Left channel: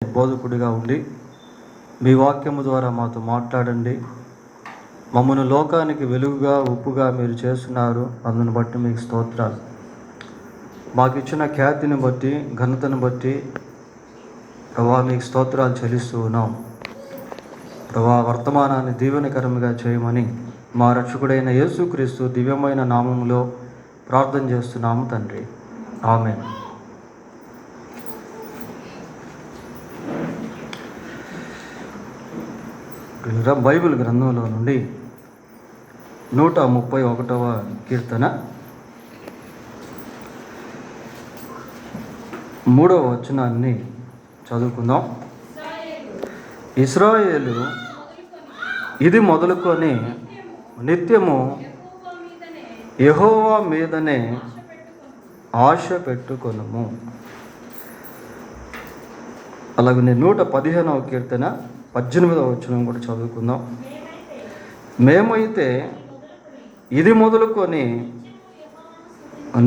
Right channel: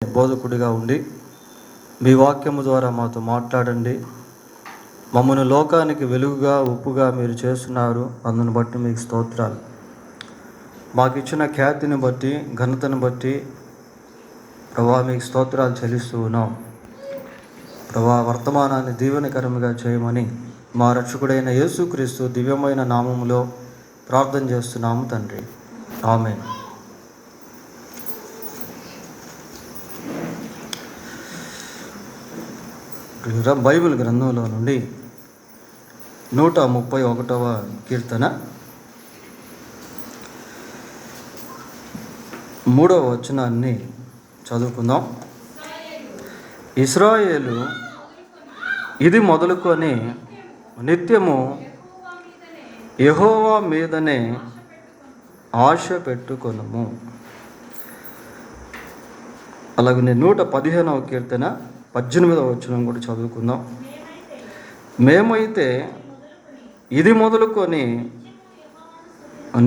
బోధకుడిగా ఉండి మీ వాక్యము ద్వారా మాతో మాట్లాడండి. మమ్మను లోకానికి వెలుగుగా ఉప్పుగా మీరు చేస్తున్నారు. అందుని బట్టి మీకు స్తోత్రాలు. మాకు ఇచ్చిన ఖ్యాతిని బట్టి ఘనతను బట్టి ప్రభా మీకు స్తోత్రాలు చెల్లిస్తూ ఉన్నాం. ప్రభా వర్తమానాన్ని దీవెనకరంగా చేయమని మా రక్షకుడైన యేసుక్రీస్తు దివ్యమైన నామములో ప్రార్థన చేస్తున్నాము తండ్రి. ఆమేన్. బైబిల్ గ్రంథంలో నుండి 131వ కీర్తన 3వ వచనాన్ని చదువుకుందాం. ఇశ్రాయేలు ఇది మొదలుకొని నిత్యము యెహోవా మీదనే ఆశ పెట్టుకొనుము. అలాగనే 115వ కీర్తన 18వ వచనం కూడా చదువుకుందాం. మేమైతే ఇది మొదలుకొని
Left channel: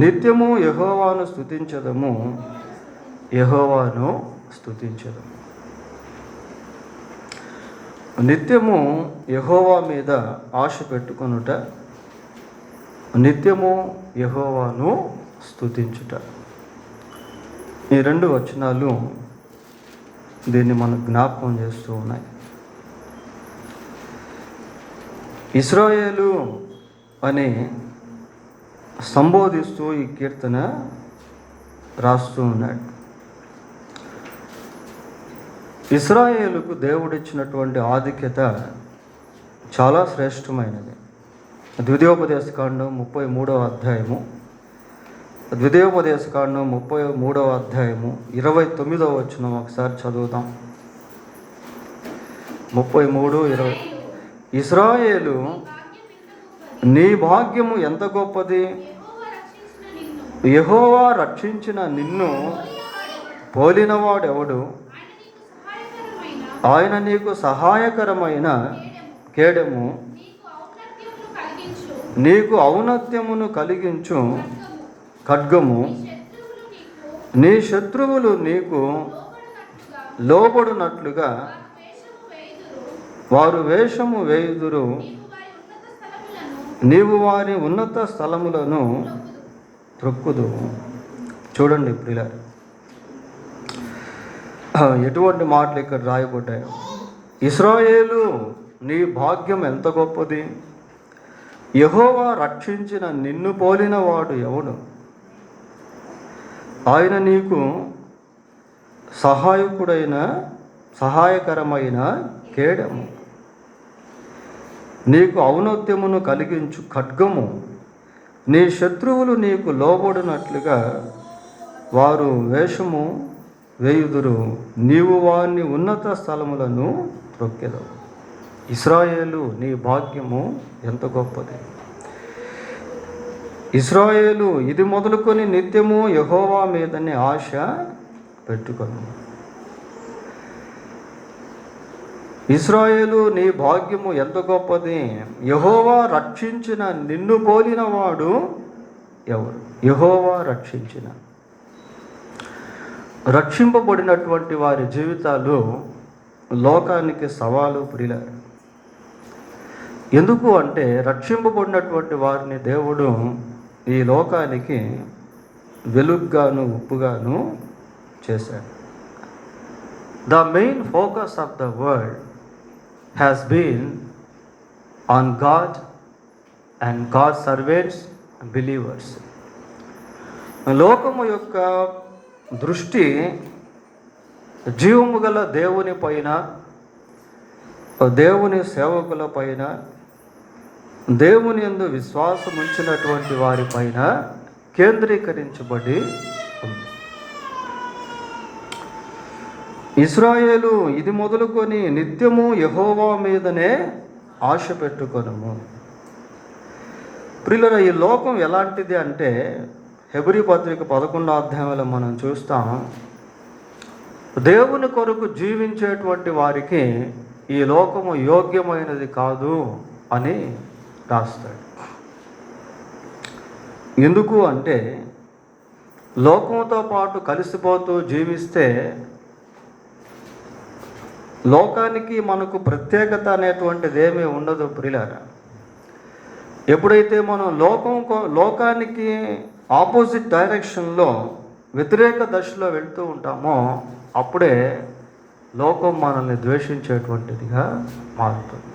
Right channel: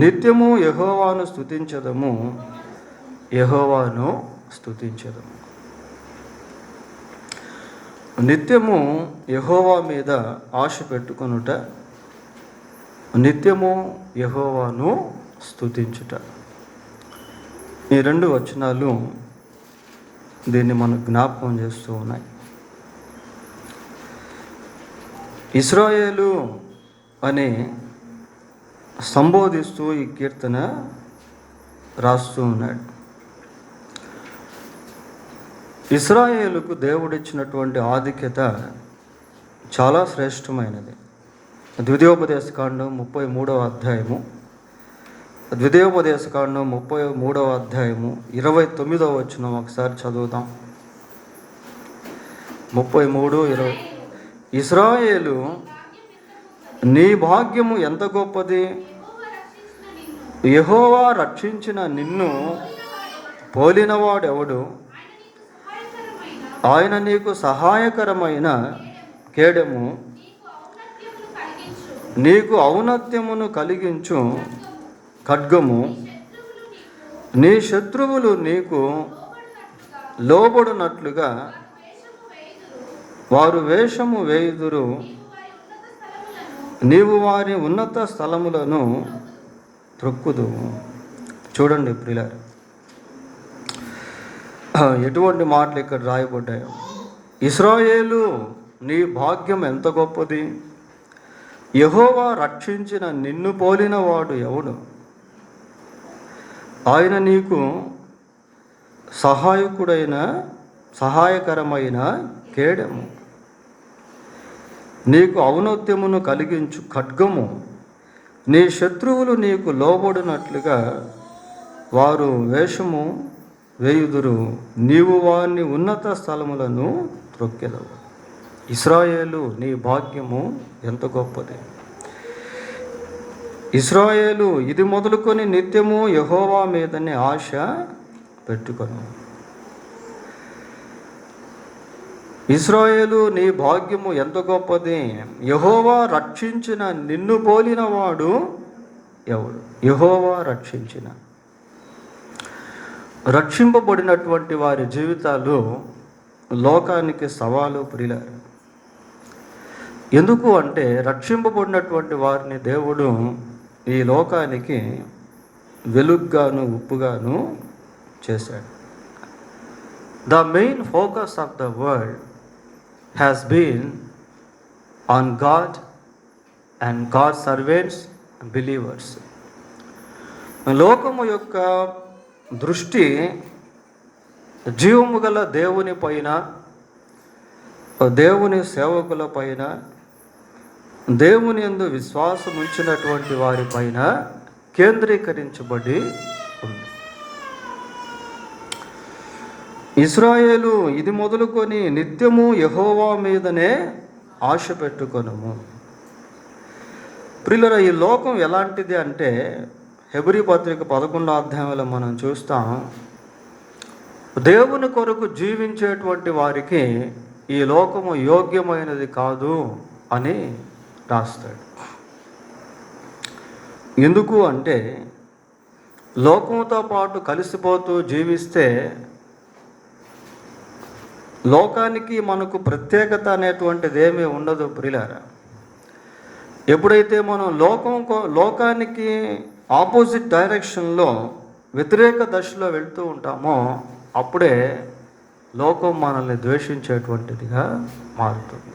నిత్యము యెహోవాను స్తుతించదము, యెహోవాను స్తుతించదము. నిత్యము యెహోవా మీద ఆశ పెట్టుకొనుట, నిత్యము యెహోవాను స్తుతించుట. ఈ రెండు వచనాలు దీన్ని మనకు జ్ఞాపకం చేస్తూ ఉన్నాయి. ఇశ్రాయేలు అని సంబోధిస్తూ ఈ కీర్తన రాస్తూ ఉన్నాడు. ఇశ్రాయేలుకు దేవుడిచ్చినటువంటి ఆధిక్యత చాలా శ్రేష్టమైనది. ద్వితీయోపదేశకాండం 33వ అధ్యాయము, ద్వితీయోపదేశకాండం 33వ అధ్యాయము 29వ వచనం ఒకసారి చదువుదాం. 33:20. ఇశ్రాయేలు నీ భాగ్యము ఎంత గొప్పది, యెహోవా రక్షించిన నిన్ను పోలినవాడెవడు, ఆయన నీకు సహాయకరమైన కేడెము, నీకు ఔన్నత్యమును కలిగించు ఖడ్గము, నీ శత్రువులు నీకు లోబడునట్లుగా వారు వేషము వేయుదురు, నీవు వారి ఉన్నత స్థలములను త్రొక్కుదు. చూడండి ప్రియులారా, ఎటువంటి మాటలు ఇక్కడ రాయబడ్డాయి. ఇశ్రాయేలు నీ భాగ్యం ఎంత గొప్పది, యెహోవా రక్షించిన నిన్ను పోలిన వాడు ఎవడు, ఆయన నీకు సహాయకరమైన కేడము, నీకు ఔన్నత్యమును కలిగించు ఖడ్గము, నీ శత్రువులు నీకు లోబడినట్లుగా వారు వేషము వేయుదురు, నీవు వారిని ఉన్నత స్థలములను త్రొక్కెదవు. ఇశ్రాయేలు నీ భాగ్యము ఎంత గొప్పది. ఇశ్రాయేలు ఇది మొదలుకొని నిత్యము యెహోవా మీదనే ఆశ పెట్టుకొను. ఇశ్రాయేలు నీ భాగ్యము ఎంత గొప్పది, యెహోవా రక్షించిన నిన్ను పోలిన వాడు ఎవడు. యెహోవా రక్షింపబడినటువంటి వారి జీవితాలు లోకానికి సవాలు ప్రియులారా. ఎందుకు అంటే రక్షింపబడినటువంటి వారిని దేవుడు ఈ లోకానికి వెలుగుగాను ఉప్పుగాను చేశాడు. The main focus of the world has been on God and God servants believers. లోకము యొక్క దృష్టి జీవము గల దేవుని పైన, దేవుని సేవకుల పైన, దేవుని యందు విశ్వాసం ఉంచినటువంటి వారి పైన కేంద్రీకరించబడి ఉంది. ఇశ్రాయేలు ఇది మొదలుకొని నిత్యము యెహోవా మీదనే ఆశ పెట్టుకొనుము. ప్రియులారా, ఈ లోకం ఎలాంటిది అంటే హెబ్రీ పత్రిక 11వ అధ్యాయంలో మనం చూస్తాం, దేవుని కొరకు జీవించేటువంటి వారికి ఈ లోకము యోగ్యమైనది కాదు అని రాస్తాడు. ఎందుకు అంటే లోకంతో పాటు కలిసిపోతూ జీవిస్తే లోకానికి మనకు ప్రత్యేకత అనేటువంటిది ఏమీ ఉండదు ప్రియులారా. ఎప్పుడైతే మనం లోకానికి ఆపోజిట్ డైరెక్షన్లో వ్యతిరేక దశలో వెళ్తూ ఉంటామో అప్పుడే లోకం మనల్ని ద్వేషించేటువంటిదిగా మారుతుంది.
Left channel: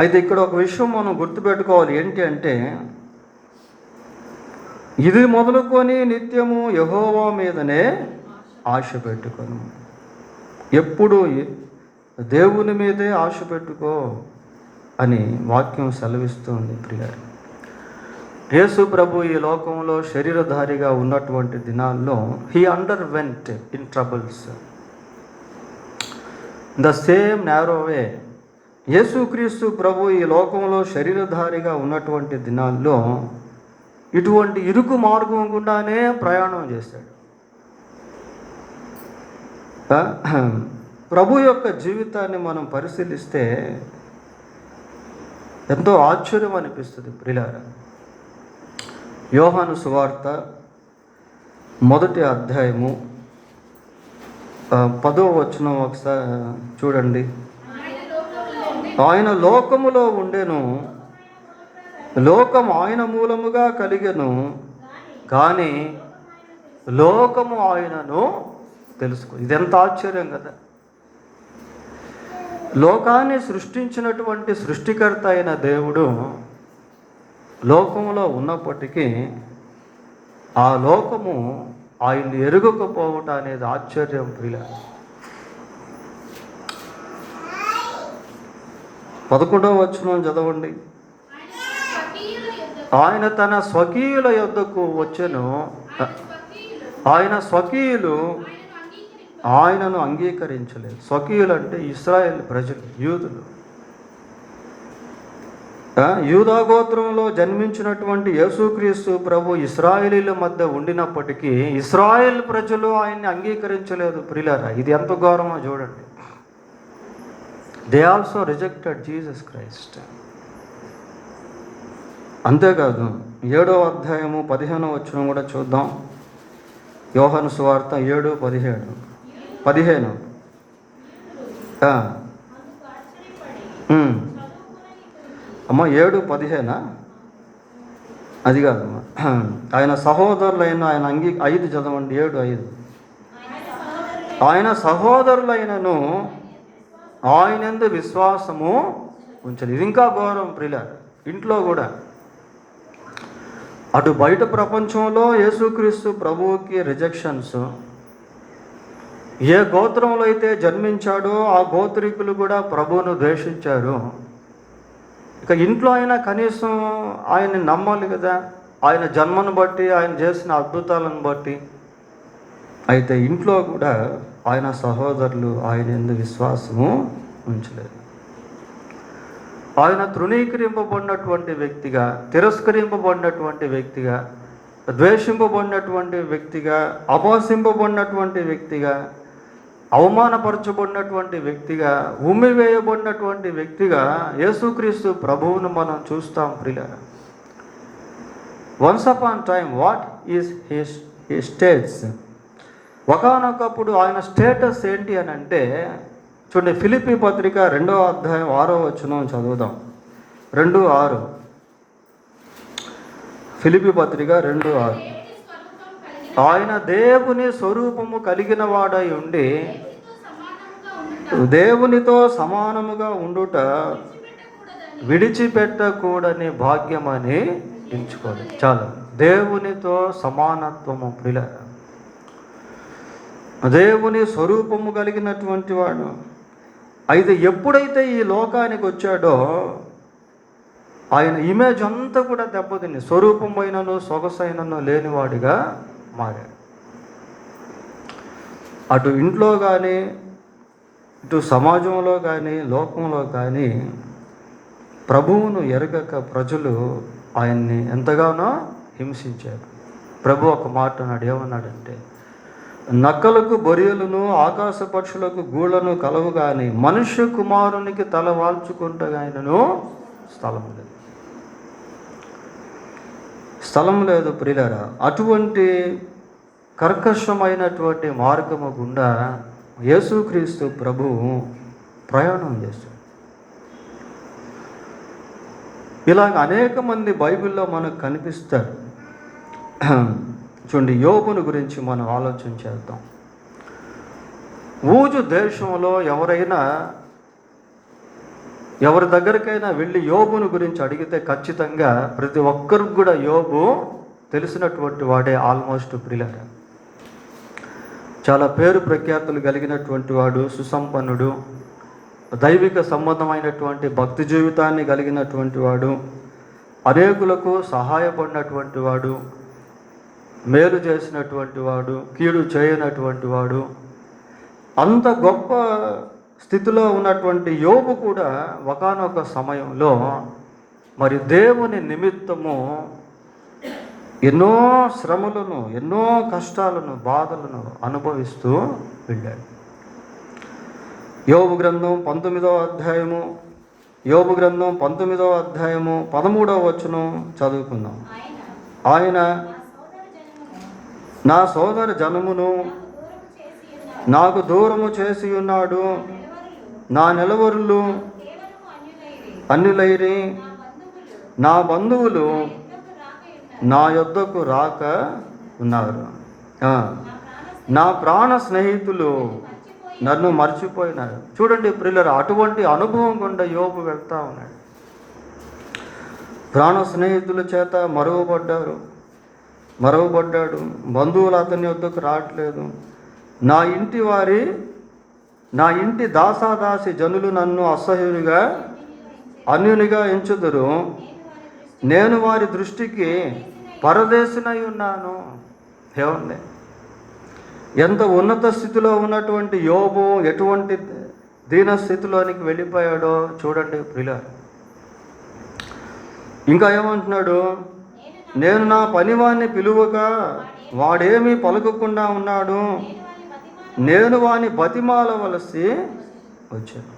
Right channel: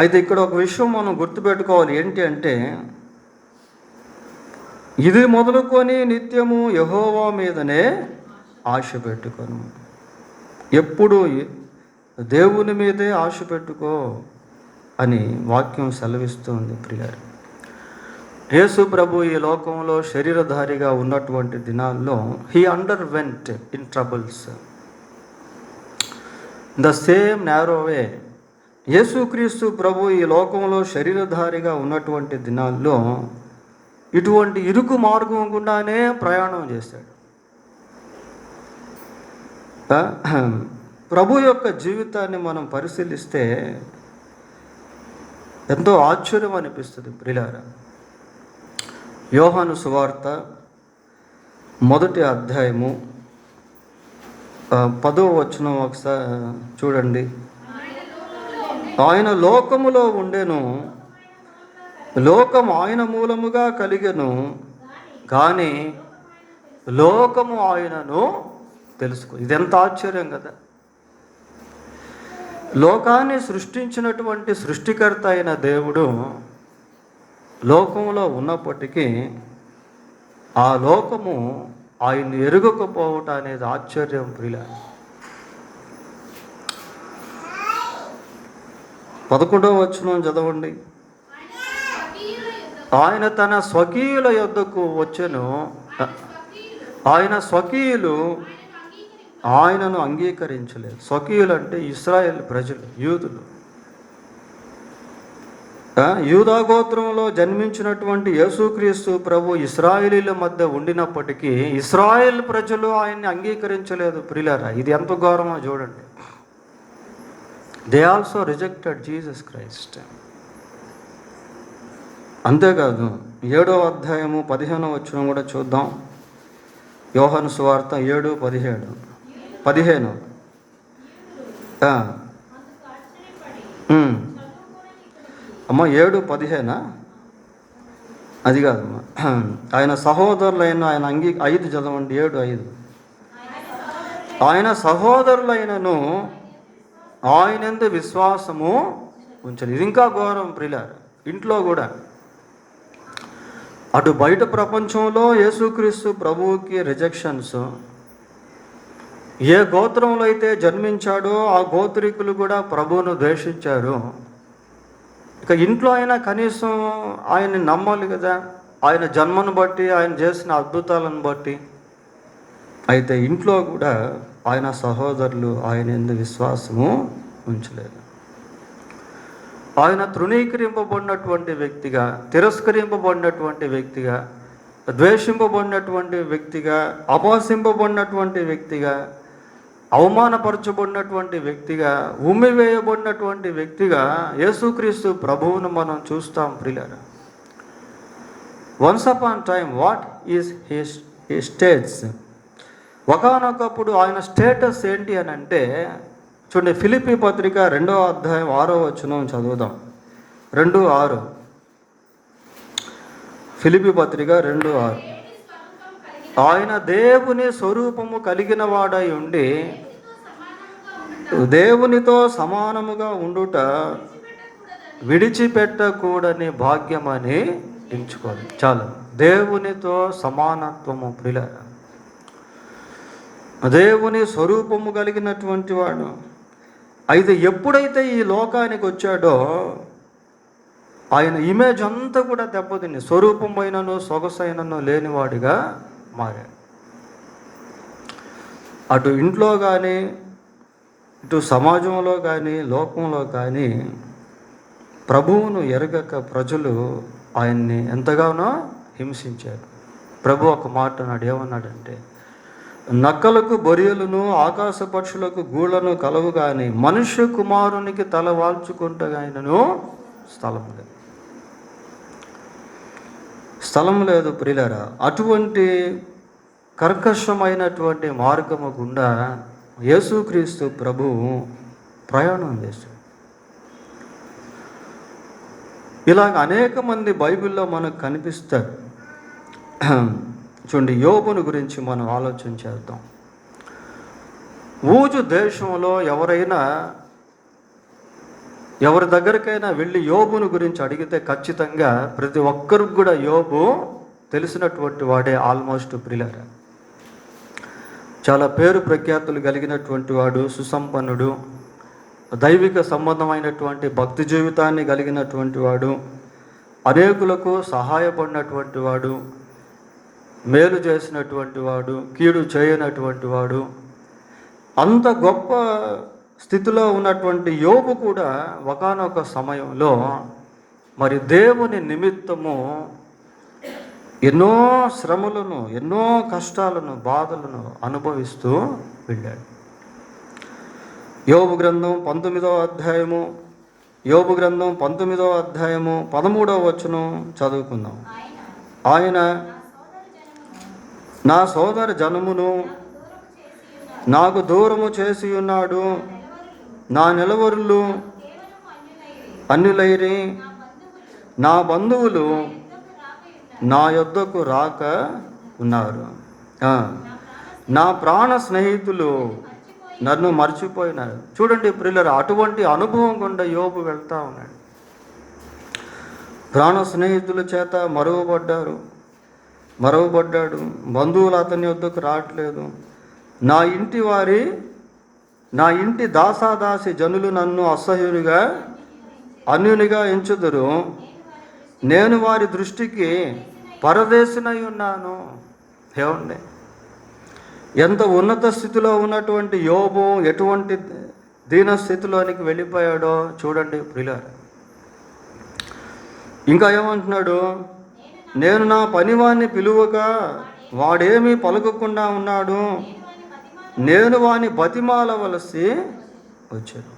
అయితే ఇక్కడ ఒక విషయం మనం గుర్తుపెట్టుకోవాలి. ఏంటి అంటే, ఇది మొదలుకొని నిత్యము యెహోవా మీదనే ఆశ పెట్టుకొని, ఎప్పుడు దేవుని మీదే ఆశ పెట్టుకో అని వాక్యం సెలవిస్తుంది ప్రియారు. యేసు ప్రభు ఈ లోకంలో శరీరధారిగా ఉన్నటువంటి దినాల్లో he underwent in troubles the same narrow way. యేసుక్రీస్తు ప్రభు ఈ లోకంలో శరీరధారిగా ఉన్నటువంటి దినాల్లో ఇటువంటి ఇరుకు మార్గం గుండానే ప్రయాణం చేశాడు. ప్రభు యొక్క జీవితాన్ని మనం పరిశీలిస్తే ఎంతో ఆశ్చర్యం అనిపిస్తుంది ప్రియులారా. యోహాను సువార్త 1వ అధ్యాయము 10వ వచనం ఒకసారి చూడండి. ఆయన లోకములో ఉండెను, లోకము ఆయన మూలముగా కలిగెను, కానీ లోకము ఆయనను తెలుసుకో. ఇదెంత ఆశ్చర్యం కదా. లోకాన్ని సృష్టించినటువంటి సృష్టికర్త అయిన దేవుడు లోకంలో ఉన్నప్పటికీ ఆ లోకము ఆయన్ని ఎరుగకపోవటం అనేది ఆశ్చర్యం ప్రియుల. 11వ వచనం చదవండి. ఆయన తన స్వకీయుల యొద్దకు వచ్చెను, ఆయన స్వకీయులు ఆయనను అంగీకరించలేదు. స్వకీయులు అంటే ఇశ్రాయేలు ప్రజలు, యూదులు. యూదా గోత్రంలో జన్మించినటువంటి యేసుక్రీస్తు ప్రభు ఇశ్రాయేలీల మధ్య ఉండినప్పటికీ ఇశ్రాయేల్ ప్రజలు ఆయన్ని అంగీకరించలేదు ప్రియులారా. ఇది ఎంత ఘోరమో చూడండి. They also rejected Jesus Christ. అంతేకాదు 7వ అధ్యాయము 15వ వచనం కూడా చూద్దాం. యోహాను సువార్త 7:15. అమ్మ 7:15 అది కాదు. ఆయన సహోదరులైన ఆయన 5 చదవండి. 7:5. ఆయన సహోదరులైనను ఆయనందు విశ్వాసము ఉంచలేదు. ఇది ఇంకా ఘోరం ప్రియుల. ఇంట్లో కూడా అటు బయట ప్రపంచంలో యేసుక్రీస్తు ప్రభువుకి రిజెక్షన్స్. ఏ గోత్రంలో అయితే జన్మించాడో ఆ గోత్రికులు కూడా ప్రభువును ద్వేషించారు. ఇక ఇంట్లో అయినా కనీసం ఆయన్ని నమ్మాలి కదా, ఆయన జన్మను బట్టి, ఆయన చేసిన అద్భుతాలను బట్టి. అయితే ఇంట్లో కూడా ఆయన సహోదరులు ఆయన యందు విశ్వాసము ఉంచలేదు. ఆయన తృణీకరింపబడినటువంటి వ్యక్తిగా, తిరస్కరింపబడినటువంటి వ్యక్తిగా, ద్వేషింపబడినటువంటి వ్యక్తిగా, అపహసింపబడినటువంటి వ్యక్తిగా, అవమానపరచబడినటువంటి వ్యక్తిగా, ఉమ్మివేయబడినటువంటి వ్యక్తిగా యేసుక్రీస్తు ప్రభువును మనం చూస్తాం ప్రియులారా. Once upon time what is his states. ఒకానొకప్పుడు ఆయన స్టేటస్ ఏంటి అని అంటే చూడండి. ఫిలిప్పీ పత్రిక 2వ అధ్యాయం 6వ వచనం చదువుదాం. 2:6. ఫిలిప్పీ పత్రిక 2:6. ఆయన దేవుని స్వరూపము కలిగిన వాడై ఉండి దేవునితో సమానముగా ఉండుట విడిచిపెట్టకూడని భాగ్యమని ఎంచుకోవాలి. చాలు. దేవునితో సమానత్వము ప్రియుల. దేవుని స్వరూపము కలిగినటువంటి వాడు. అయితే ఎప్పుడైతే ఈ లోకానికి వచ్చాడో ఆయన ఇమేజ్ అంతా కూడా దెబ్బతిని స్వరూపమైనను సొగసైనను లేనివాడిగా మారాడు. అటు ఇంట్లో కానీ, ఇటు సమాజంలో కానీ, లోకంలో కానీ ప్రభువును ఎరగక ప్రజలు ఆయన్ని ఎంతగానో హింసించారు. ప్రభు ఒక మాట అన్నాడు. ఏమన్నాడంటే, నక్కలకు బొరియలను ఆకాశ పక్షులకు గూళ్ళను కలవు కానీ మనుష్య కుమారునికి తల వాల్చుకుంటగాయనను స్థలం లేదు ప్రియులారా. అటువంటి కర్కశమైనటువంటి మార్గము గుండా యేసుక్రీస్తు ప్రభువు ప్రయాణం చేశాడు. ఇలాగ అనేక మంది బైబిల్లో మనకు కనిపిస్తారు. చూడండి, యోబుని గురించి మనం ఆలోచన చేద్దాం. ఊజు దేశంలో ఎవరి దగ్గరికైనా వెళ్ళి యోబుని గురించి అడిగితే ఖచ్చితంగా ప్రతి ఒక్కరికి కూడా యోబు తెలిసినటువంటి వాడే ఆల్మోస్ట్ ప్రియులారా. చాలా పేరు ప్రఖ్యాతులు కలిగినటువంటి వాడు, సుసంపన్నుడు, దైవిక సంబంధమైనటువంటి భక్తి జీవితాన్ని కలిగినటువంటి వాడు, అనేకులకు సహాయపడినటువంటి వాడు, మేలు చేసినటువంటి వాడు, కీడు చేయనటువంటి వాడు. అంత గొప్ప స్థితిలో ఉన్నటువంటి యోబు కూడా ఒకానొక సమయంలో మరి దేవుని నిమిత్తము ఎన్నో శ్రమలను, ఎన్నో కష్టాలను, బాధలను అనుభవిస్తూ వెళ్ళాడు. యోబు గ్రంథం 19వ అధ్యాయము 13వ వచనం చదువుకుందాం. ఆయన నా సోదర జనమును నాకు దూరము చేసి ఉన్నాడు, నా నిలవరులు అన్యులైరి, నా బంధువులు నా యొద్దకు రాక ఉన్నారు, నా ప్రాణ స్నేహితులు నన్ను మర్చిపోయినారు. చూడండి ప్రియులారా, అటువంటి అనుభవం గుండా యోబు వెళ్తా ఉన్నాడు. ప్రాణ స్నేహితుల చేత మరవబడ్డాడు, బంధువులు అతని వద్దకు రావట్లేదు. నా ఇంటి దాసాదాసి జనులు నన్ను అన్యునిగా ఎంచుదురు, నేను వారి దృష్టికి పరదేశినై ఉన్నాను. ఏమండి, ఎంత ఉన్నత స్థితిలో ఉన్నటువంటి యోబు ఎటువంటి దీన స్థితిలోనికి వెళ్ళిపోయాడో చూడండి ప్రియులారా. ఇంకా ఏమంటున్నాడు, నేను నా పనివాణ్ణి పిలువగా వాడేమీ పలుకకుండా ఉన్నాడు, నేను వాని బతిమాలవలసి వచ్చాను.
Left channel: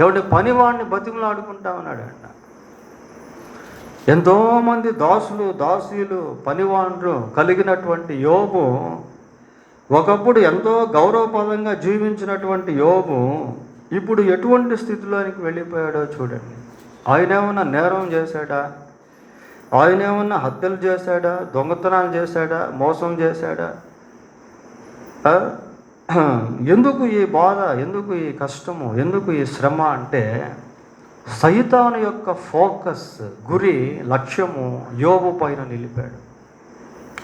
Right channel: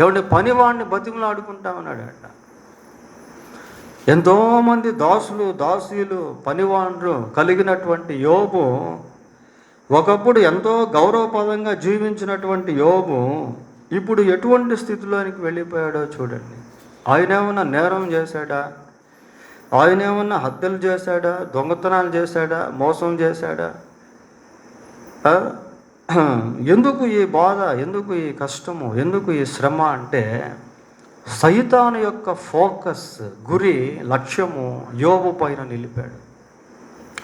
ఎవడి పనివాడిని బతిమలాడుకుంటా ఉన్నాడు అంట. ఎంతోమంది దాసీలు పనివాళ్ళు కలిగినటువంటి యోబు, ఒకప్పుడు ఎంతో గౌరవపదంగా జీవించినటువంటి యోబు ఇప్పుడు ఎటువంటి స్థితిలోనికి వెళ్ళిపోయాడో చూడండి. ఆయన ఏమన్నా నేరం చేశాడా? ఆయన ఏమన్నా హత్యలు చేశాడా? దొంగతనాలు చేశాడా? మోసం చేశాడా? ఎందుకు ఈ బాధ, ఎందుకు ఈ కష్టము, ఎందుకు ఈ శ్రమ అంటే సైతాను యొక్క ఫోకస్, గురి, లక్ష్యము యోబు పైన నిలిపాడు.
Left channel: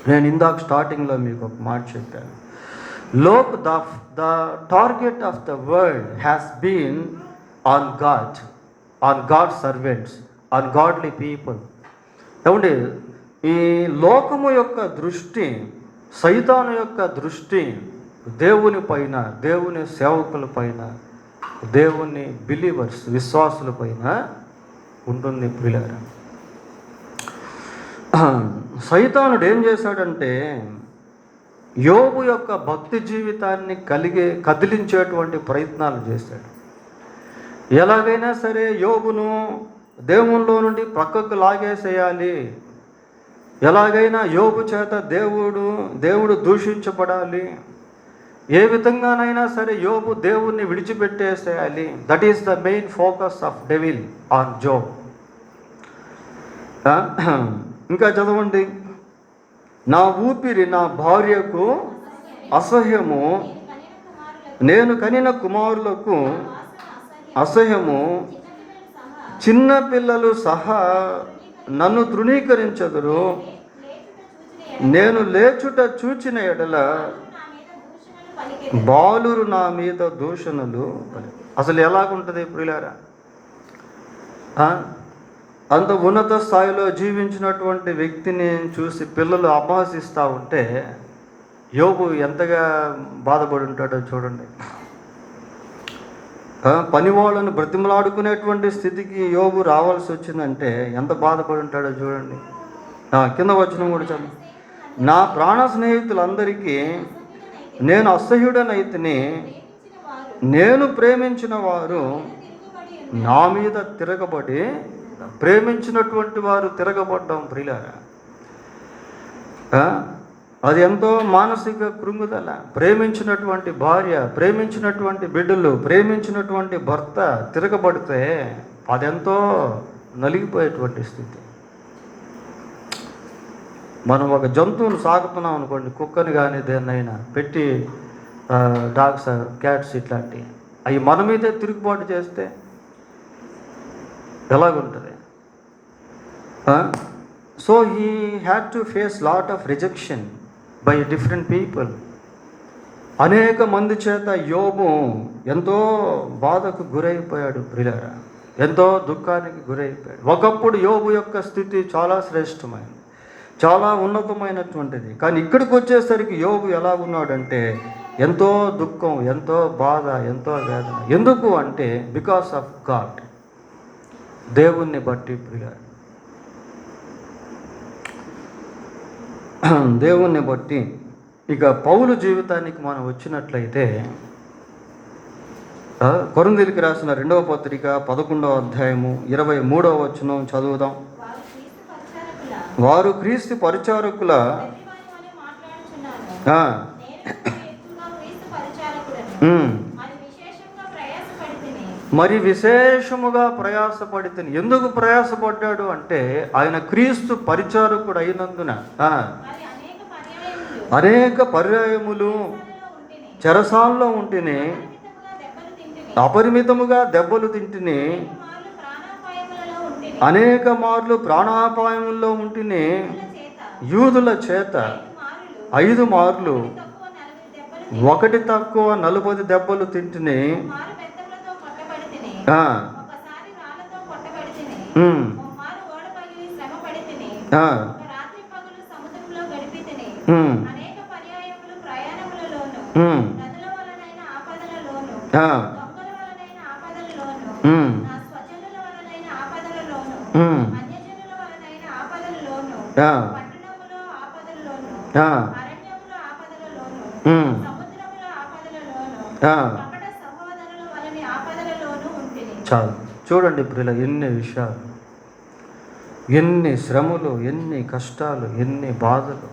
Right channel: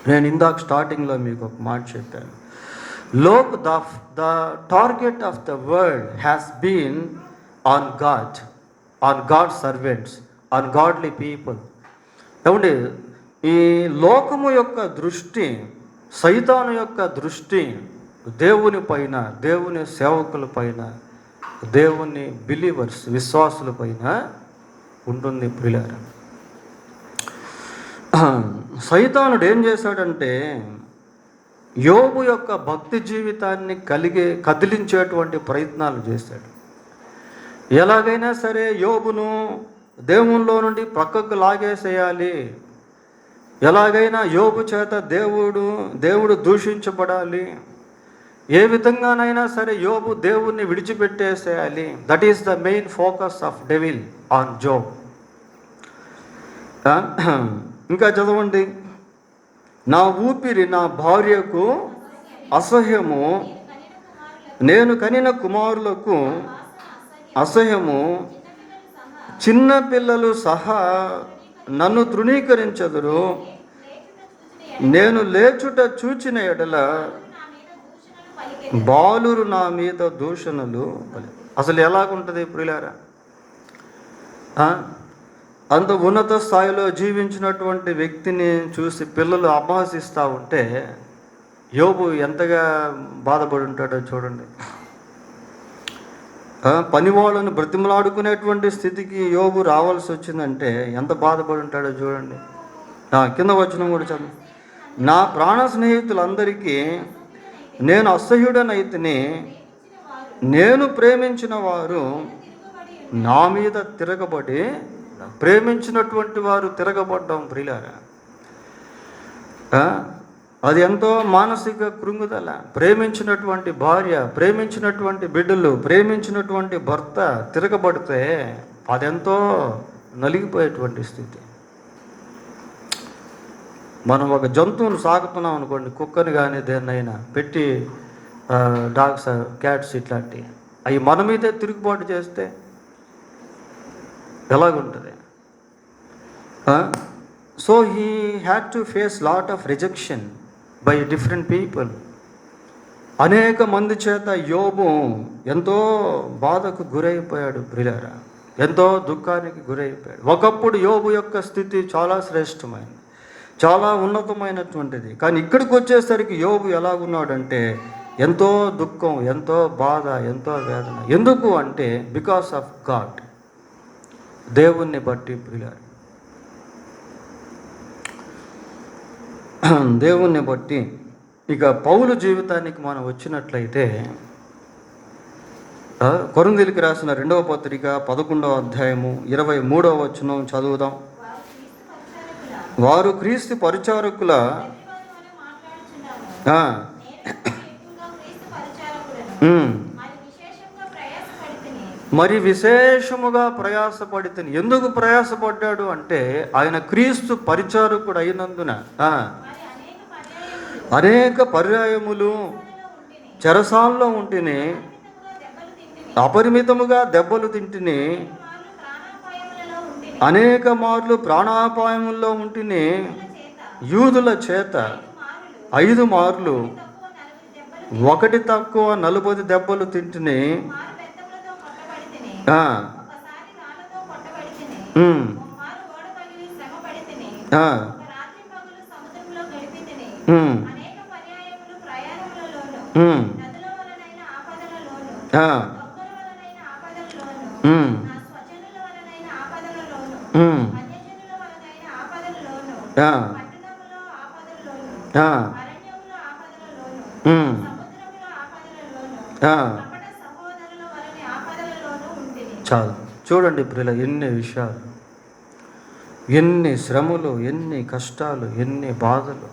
నేను ఇందాక స్టార్టింగ్లో మీకు ఒక మాట చెప్పాను. The target of the world has been on God servants, on godly people. ఏమంటే ఈ లోకము యొక్క దృష్టి, సైతాను యొక్క దృష్టి దేవుని పైన, దేవుని సేవకుల పైన, దేవుని బిలీవర్స్, విశ్వాసుల పైన ఉంటుంది ప్రియులారా. సైతానుడు ఏం చేశాడంటే యోబు యొక్క భక్తి జీవితాన్ని కదిలించేటువంటి ప్రయత్నాలు చేశాడు. ఎలాగైనా సరే యోబును దేవునిలో నుండి పక్కకు లాగేసేయాలి, ఎలాగైనా యోబు చేత దేవుడు దూషించబడాలి, ఏ విధంగానైనా సరే యోబు దేవుణ్ణి విడిచిపెట్టేసేయాలి. That is the main focus of devil on Job. ఇంకా చదవండి, నా ఊపిరి నా భార్యకు అసహ్యము, నేను కనిన కుమారులకు అసహ్యము, చిన్న పిల్లలు సహా నన్ను తృణీకరించదురు, నేను లేచుట చూచిన ఎడల బాలురు నా మీద దూషణలు. అసలు ఎలాగుంటుంది ప్రియులారా? అంత ఉన్నత స్థాయిలో జీవించినటువంటి వ్యక్తిని చూసి పిల్లలు అపహసిస్తూ ఉంటే యోబు ఎంతగా బాధపడి ఉంటాడో చూడండి. పనివాళ్ళను బ్రతిమలాడుకునేటువంటి స్థితికి యోబు రావాల్సి వచ్చిందంటే ఎంత బాధపడి ఉంటాడో చూడండి. కింద వచనం కూడా చదువు. నా ప్రాణ స్నేహితులందరికీ నేను అసహ్యుడనైతిని, నేను ప్రేమించిన వారు నా మీద తిరగబడి, ప్రేమించినటువంటి వారు తిరగబడ్డం ప్రియులారా. అది ఎంతో మానసిక కృంగుదల. ప్రేమించినటువంటి భార్య, ప్రేమించినటువంటి బిడ్డలు, ప్రేమించినటువంటి భర్త తిరగబడితే అదెంతో నలిగిపోయేటువంటి స్థితి. మనం ఒక జంతువును సాగుతున్నాం అనుకోండి, కుక్కని కానీ దేన్నైనా పెట్టి, డాగ్స్, క్యాట్స్ ఇట్లాంటివి, అవి మన మీదే తిరుగుబాటు చేస్తే ఎలాగుంటుంది? So he had to face lot of rejection by different people. అనేక మంది చేత యోబు ఎంతో బాధకు గురైపోయాడు ప్రియులారా, ఎంతో దుఃఖానికి గురైపోయాడు. ఒకప్పుడు యోబు యొక్క స్థితి చాలా శ్రేష్టమైనది, చాలా ఉన్నతమైనటువంటిది. కానీ ఇక్కడికి వచ్చేసరికి యోబు ఎలాగున్నాడంటే ఎంతో దుఃఖం, ఎంతో బాధ, ఎంతో వేదన. ఎందుకు అంటే బికాస్ ఆఫ్ గాడ్, దేవుణ్ణి బట్టి ప్రియులారా, దేవుణ్ణి బట్టి. ఇక పౌలు జీవితానికి మనం వచ్చినట్లయితే, కొరింథీయులకు రాసిన 2వ పత్రిక 11వ అధ్యాయము 23వ వచనం చదువుదాం. వారు క్రీస్తు పరిచారకుల మరి విశేషముగా ప్రయాసపడితే. ఎందుకు ప్రయాసపడ్డాడు అంటే ఆయన క్రీస్తు పరిచారకుడు అయినందున అనేక పర్యాయములు చెరసాల్లో ఉంటేనే, అపరిమితముగా దెబ్బలు తింటిని, అనేక మార్లు ప్రాణాపాయముల్లో ఉంటేనే, యూదుల చేత 5 మార్లు, 1 తక్కువ 40 దెబ్బలు తింటిని, చాలు. చూడండి ప్రియుల, ఎన్ని విషయాలు, ఎన్ని శ్రమలు, ఎన్ని కష్టాలు, ఎన్ని బాధలు,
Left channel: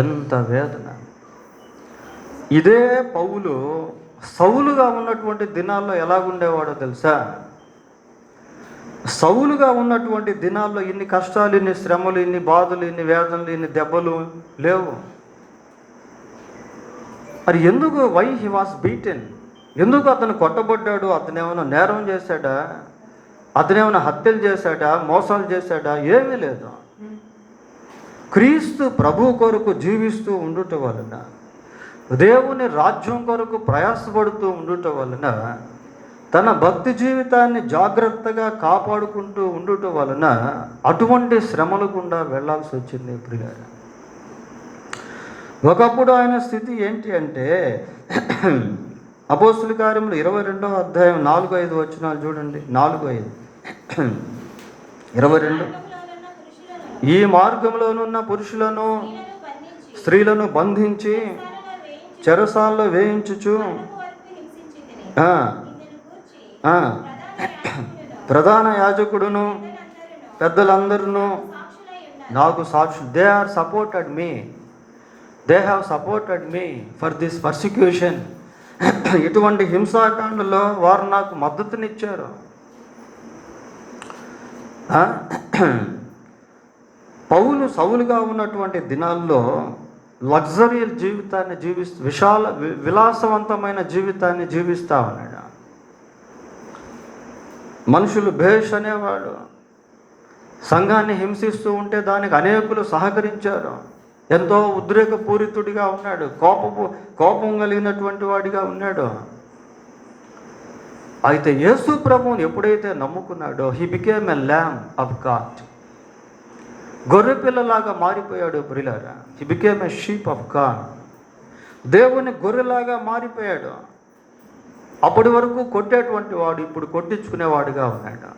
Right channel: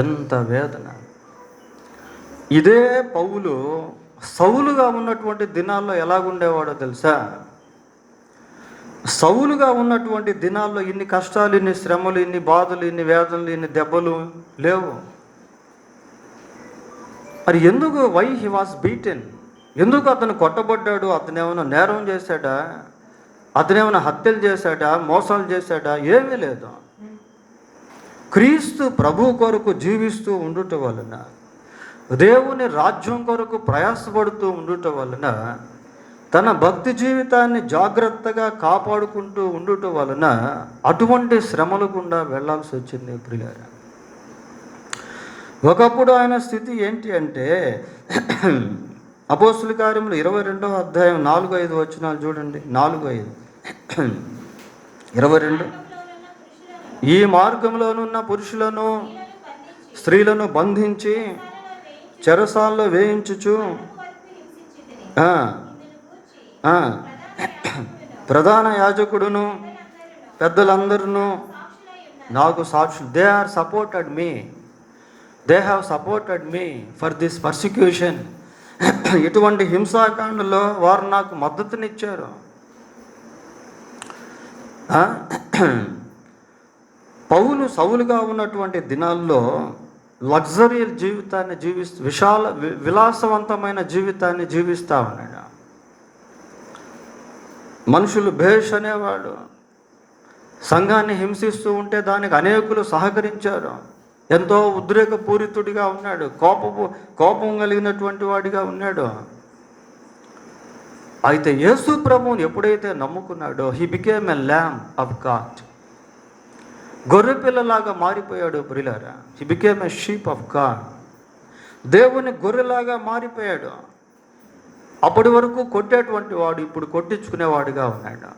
ఎంత వేదన. ఇదే పౌలు సౌలుగా ఉన్నటువంటి దినాల్లో ఎలాగుండేవాడో తెలుసా? సౌలుగా ఉన్నటువంటి దినాల్లో ఇన్ని కష్టాలు, ఇన్ని శ్రమలు, ఇన్ని బాధలు, ఇన్ని వేదనలు, ఇన్ని దెబ్బలు లేవు. మరి ఎందుకు? Why he was beaten? ఎందుకు అతను కొట్టబడ్డాడు? అతను ఏమైనా నేరం చేశాడా? అతను ఏమైనా హత్యలు చేశాడా? మోసాలు చేశాడా? ఏమీ లేదు. క్రీస్తు ప్రభు కొరకు జీవిస్తూ ఉండుట వలన, దేవుని రాజ్యం కొరకు ప్రయాసపడుతూ ఉండుట వలన, తన భక్తి జీవితాన్ని జాగ్రత్తగా కాపాడుకుంటూ ఉండుట వలన అటువంటి శ్రమల గుండా వెళ్లాల్సి వచ్చింది ప్రియులారా. ఒకప్పుడు ఆయన స్థితి ఏంటి అంటే, అపోస్తుల కార్యములు 22వ అధ్యాయం 4-5 వచనాలు చూడండి. 4-5, 22. ఈ మార్గంలోనున్న పురుషులను స్త్రీలను బంధించి చెరసాల్లో వేయించుచు ప్రధాన యాజకుడును పెద్దలందరూ నాకు సాక్షులు. They are supported me, they have supported me for this persecution. ఇటువంటి హింసాకాండలో వారు నాకు మద్దతునిచ్చారు. పౌలు సౌలుగా ఉన్నటువంటి దినాల్లో లగ్జరీ జీవితాన్ని విలాసవంతమైన జీవితాన్ని జీవిస్తా ఉన్నాడు. మనుషులు భేష్ అనేవాడు. సంఘాన్ని హింసిస్తూ ఉంటే దానికి అనేకులు సహకరించారు. ఎంతో ఉద్రేకపూరితుడిగా ఉన్నాడు, కోపం కలిగినటువంటి వాడిగా ఉన్నాడు. అయితే యేసు ప్రభువుని ఎప్పుడైతే నమ్ముకున్నాడో, he became a lamb of God. గొర్రెపిల్లలాగా మారిపోయాడు ప్రియులారా. He became a sheep of God. దేవుని గొర్రెలాగా మారిపోయాడు. అప్పటి వరకు కొట్టేటువంటి వాడు ఇప్పుడు కొట్టించుకునేవాడుగా ఉన్నాడు.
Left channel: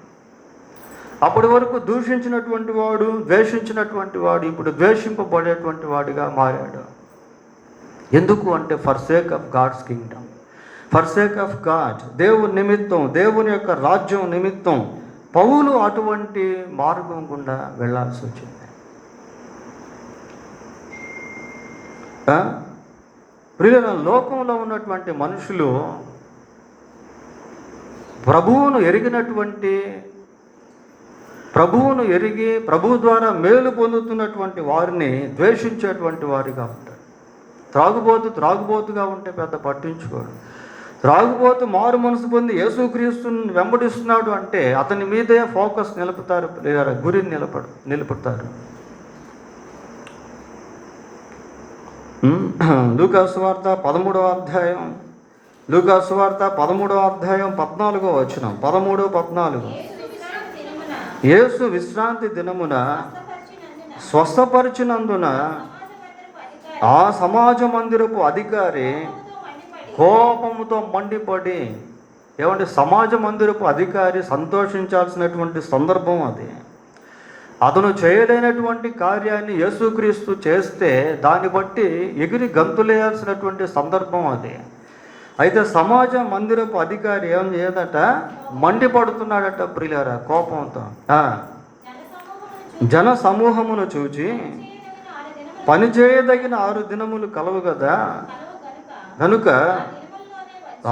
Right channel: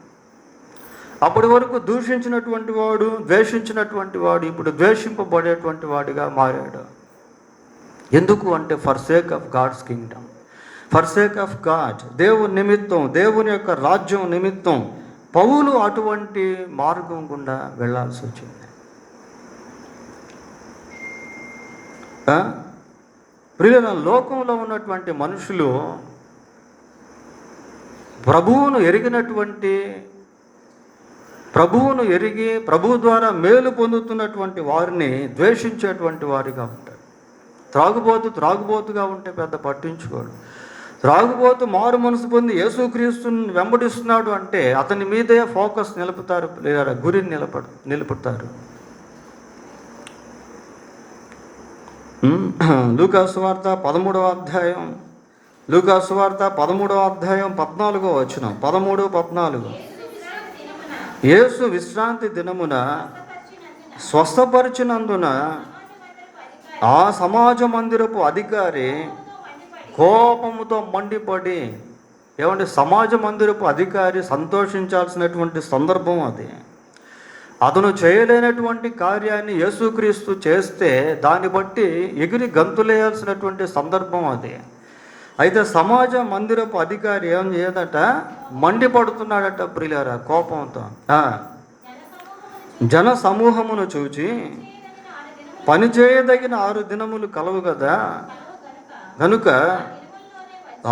అప్పటి వరకు దూషించినటువంటి వాడు, ద్వేషించినటువంటి వాడు ఇప్పుడు ద్వేషింపబడేటువంటి వాడిగా మారాడు. ఎందుకు అంటే for sake of God's kingdom, for sake of God. దేవుని నిమిత్తం, దేవుని యొక్క రాజ్యం నిమిత్తం పౌలు అటువంటి మార్గం గుండా వెళ్ళాల్సి వచ్చింది. ప్రియుల లోకంలో ఉన్నటువంటి మనుషులు ప్రభువును ఎరిగి ప్రభువు ద్వారా మేలు పొందుతున్నటువంటి వారిని ద్వేషించేటువంటి వారిగా ఉంటారు. త్రాగుబోతుగా ఉంటే పెద్ద పట్టించుకోడు. త్రాగుబోతు మారు మనసు పొంది యేసుక్రీస్తుని వెంబడిస్తున్నాడు అంటే అతని మీదే ఫోకస్ నిలుపుతారు, లేదా గురిని నిలుపుతారు. లూకాసు వార్త 13వ అధ్యాయం 14వ వచనం, 13-14. యేసు విశ్రాంతి దినమున స్వస్థపరిచినందున ఆ సమాజ మందిరపు అధికారి కోపముతో మండిపడి, సమాజ మందిరపు అధికారి సంతోషించాల్సినటువంటి సందర్భం అది. అతను చేయలేనటువంటి కార్యాన్ని యేసుక్రీస్తు చేస్తే దాన్ని బట్టి ఎగిరి గంతులేయాల్సినటువంటి సందర్భం అది. అయితే సమాజ మందిరపు అధికారి ఏం చేయదట, మండిపడుతున్నాడట ప్రియులారా కోపంతో. జన సమూహమును చూచి పనిచేయదగిన 6 దినములు కలవు కదా, కనుక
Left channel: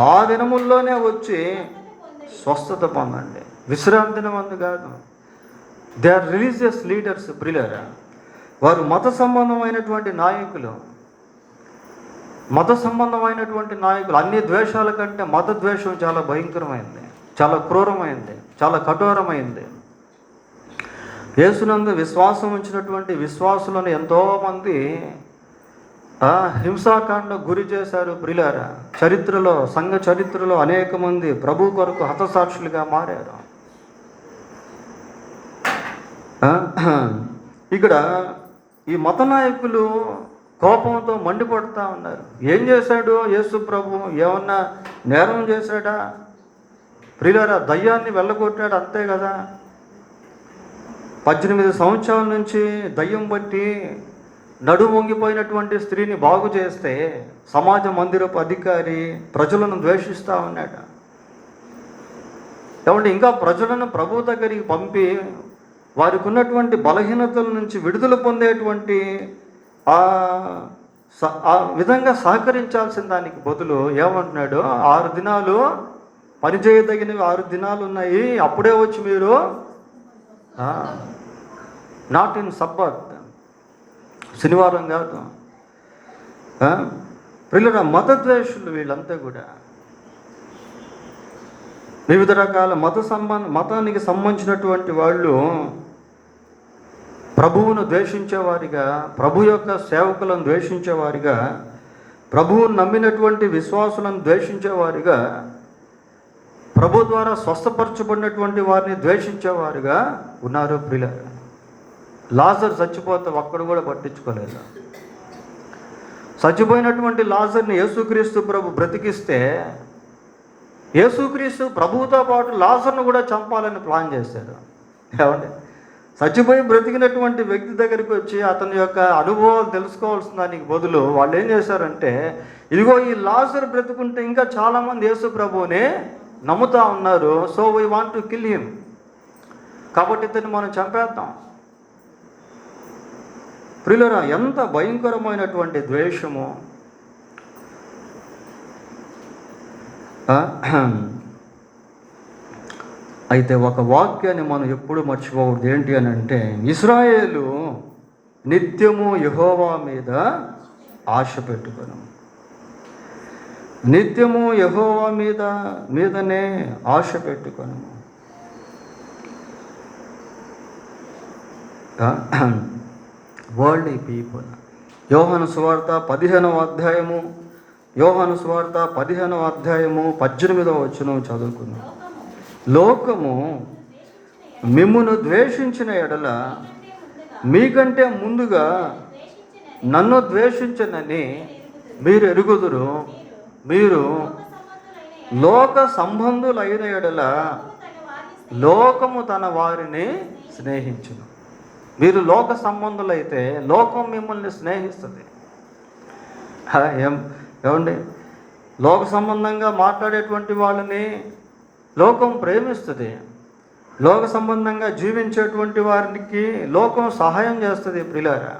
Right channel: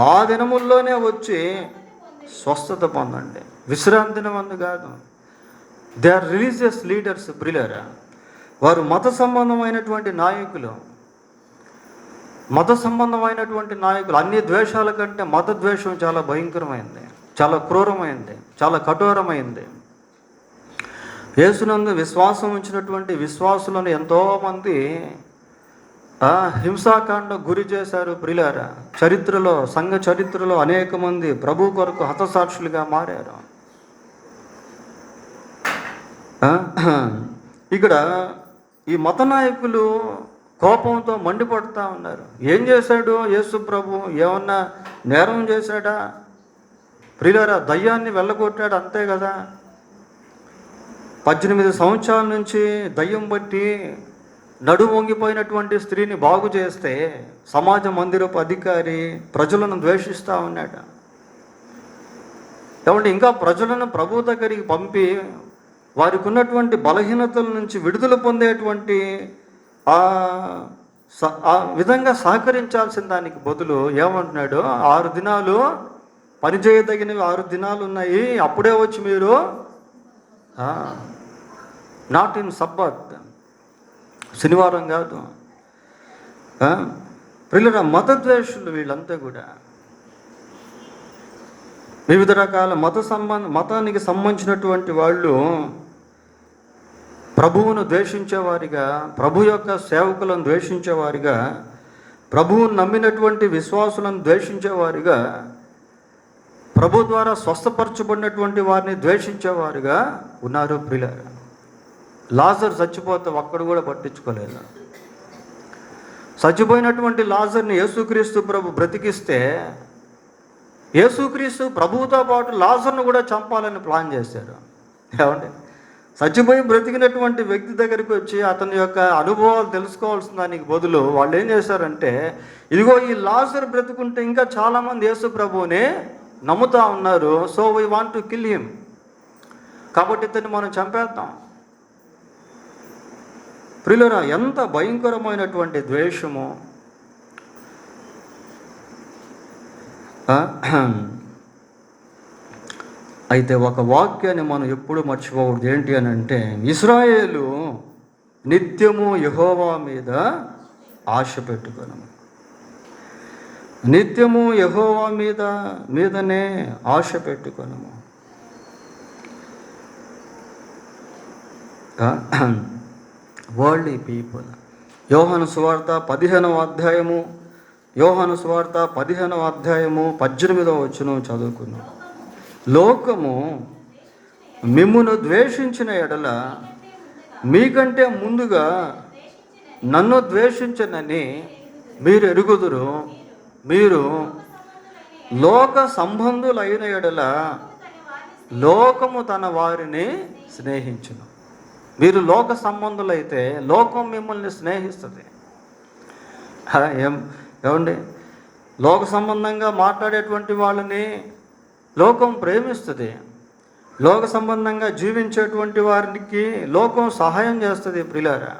ఆ దినముల్లోనే వచ్చి స్వస్థత పొందండి. విశ్రాంతి దినమందు కాదు. దే ఆర్ రిలీజియస్ లీడర్స్ ప్రియులారా. వారు మత సంబంధమైనటువంటి నాయకులు. అన్ని ద్వేషాల కంటే మత ద్వేషం చాలా భయంకరమైంది, చాలా క్రూరమైంది, చాలా కఠోరమైంది. యేసునందు విశ్వాసం ఉంచినటువంటి విశ్వాసులను ఎంతోమంది హింసాకాండం గురి చేశారు ప్రియులారా. సంఘ చరిత్రలో అనేక మంది ప్రభు కొరకు హతసాక్షులుగా మారారు. ఇక్కడ ఈ మత నాయకులు కోపంతో మండిపడుతూ ఉన్నారు. ఏం చేశాడు యేసు ప్రభు? ఏమన్నా నేరం చేశాడా ప్రియులారా? దయ్యాన్ని వెళ్ళగొట్టాడు, అంతే కదా. 18 సంవత్సరాల నుంచి దయ్యం బట్టి నడుమొంగిపోయినటువంటి స్త్రీని బాగు చేస్తే సమాజ మందిరపు అధికారి ప్రజలను ద్వేషిస్తూ ఉన్నాడు. ఇంకా ప్రజలను ప్రభు దగ్గరికి పంపి వారికి ఉన్నటువంటి బలహీనతల నుంచి విడుదల పొందేటువంటి ఆ విధంగా సహకరించాల్సిన దానికి బదులు ఏమంటున్నాడు, 6 దినాలు పనిచేయదగినవి 6 దినాలు ఉన్నాయి, అప్పుడే వచ్చి మీరు నాట్ ఇన్ సబ్బాత్, శనివారం కాదు. పిల్లల మతద్వేషులు వీళ్ళంతా కూడా వివిధ రకాల మతానికి సంబంధించినటువంటి వాళ్ళు ప్రభువును ద్వేషించేవారిగా, ప్రభు యొక్క సేవకులను ద్వేషించేవారిగా, ప్రభువును నమ్మినటువంటి విశ్వాసులను ద్వేషించేవారిగా, ప్రభు ద్వారా స్వస్థపరచబడినటువంటి వారిని ద్వేషించేవారుగా ఉన్నారు ప్రియులారా. లాజర్ చచ్చిపోతే ఒక్కడు కూడా పట్టించుకోలేదు. చచ్చిపోయినటువంటి లాజర్ని యేసుక్రీస్తు ప్రభు బ్రతికిస్తే యేసుక్రీస్తు ప్రభువుతో పాటు లాజర్ను కూడా చంపాలని ప్లాన్ చేశారు. చచ్చిపోయి బ్రతికినటువంటి వ్యక్తి దగ్గరికి వచ్చి అతని యొక్క అనుభవాలు తెలుసుకోవాల్సిన దానికి బదులు వాళ్ళు ఏం చేశారంటే, ఇదిగో ఈ లాజర్ బ్రతుకుంటే ఇంకా చాలామంది యేసు ప్రభువుని నమ్ముతా ఉన్నారు, so we want to kill him, కాబట్టి ఇతన్ని మనం చంపేద్దాం. ప్రియులారా, ఎంత భయంకరమైనటువంటి ద్వేషము! అయితే ఒక వాక్యాన్ని మనం ఎప్పుడు మర్చిపోకూడదు. ఏంటి అని అంటే, ఇశ్రాయేలు నిత్యము యెహోవా మీద ఆశ పెట్టుకొను. నిత్యము యెహోవా మీదనే ఆశ పెట్టుకొను. World people. యోహాను సువార్త 15వ అధ్యాయము 18వ వచనం చదువుకుంది. లోకము మిమ్మును ద్వేషించిన ఎడల మీకంటే ముందుగా నన్ను ద్వేషించనని మీరు ఎరుగుదురు. మీరు లోక సంబంధులైన ఎడల లోకము తన వారిని స్నేహించును. మీరు లోక సంబంధులైతే లోకం మిమ్మల్ని స్నేహిస్తుంది. ఏమండి, లోక సంబంధంగా మాట్లాడేటువంటి వాళ్ళని లోకం ప్రేమిస్తుంది. లోక సంబంధంగా జీవించేటువంటి వారికి లోకం సహాయం చేస్తుంది. ప్రియులారా,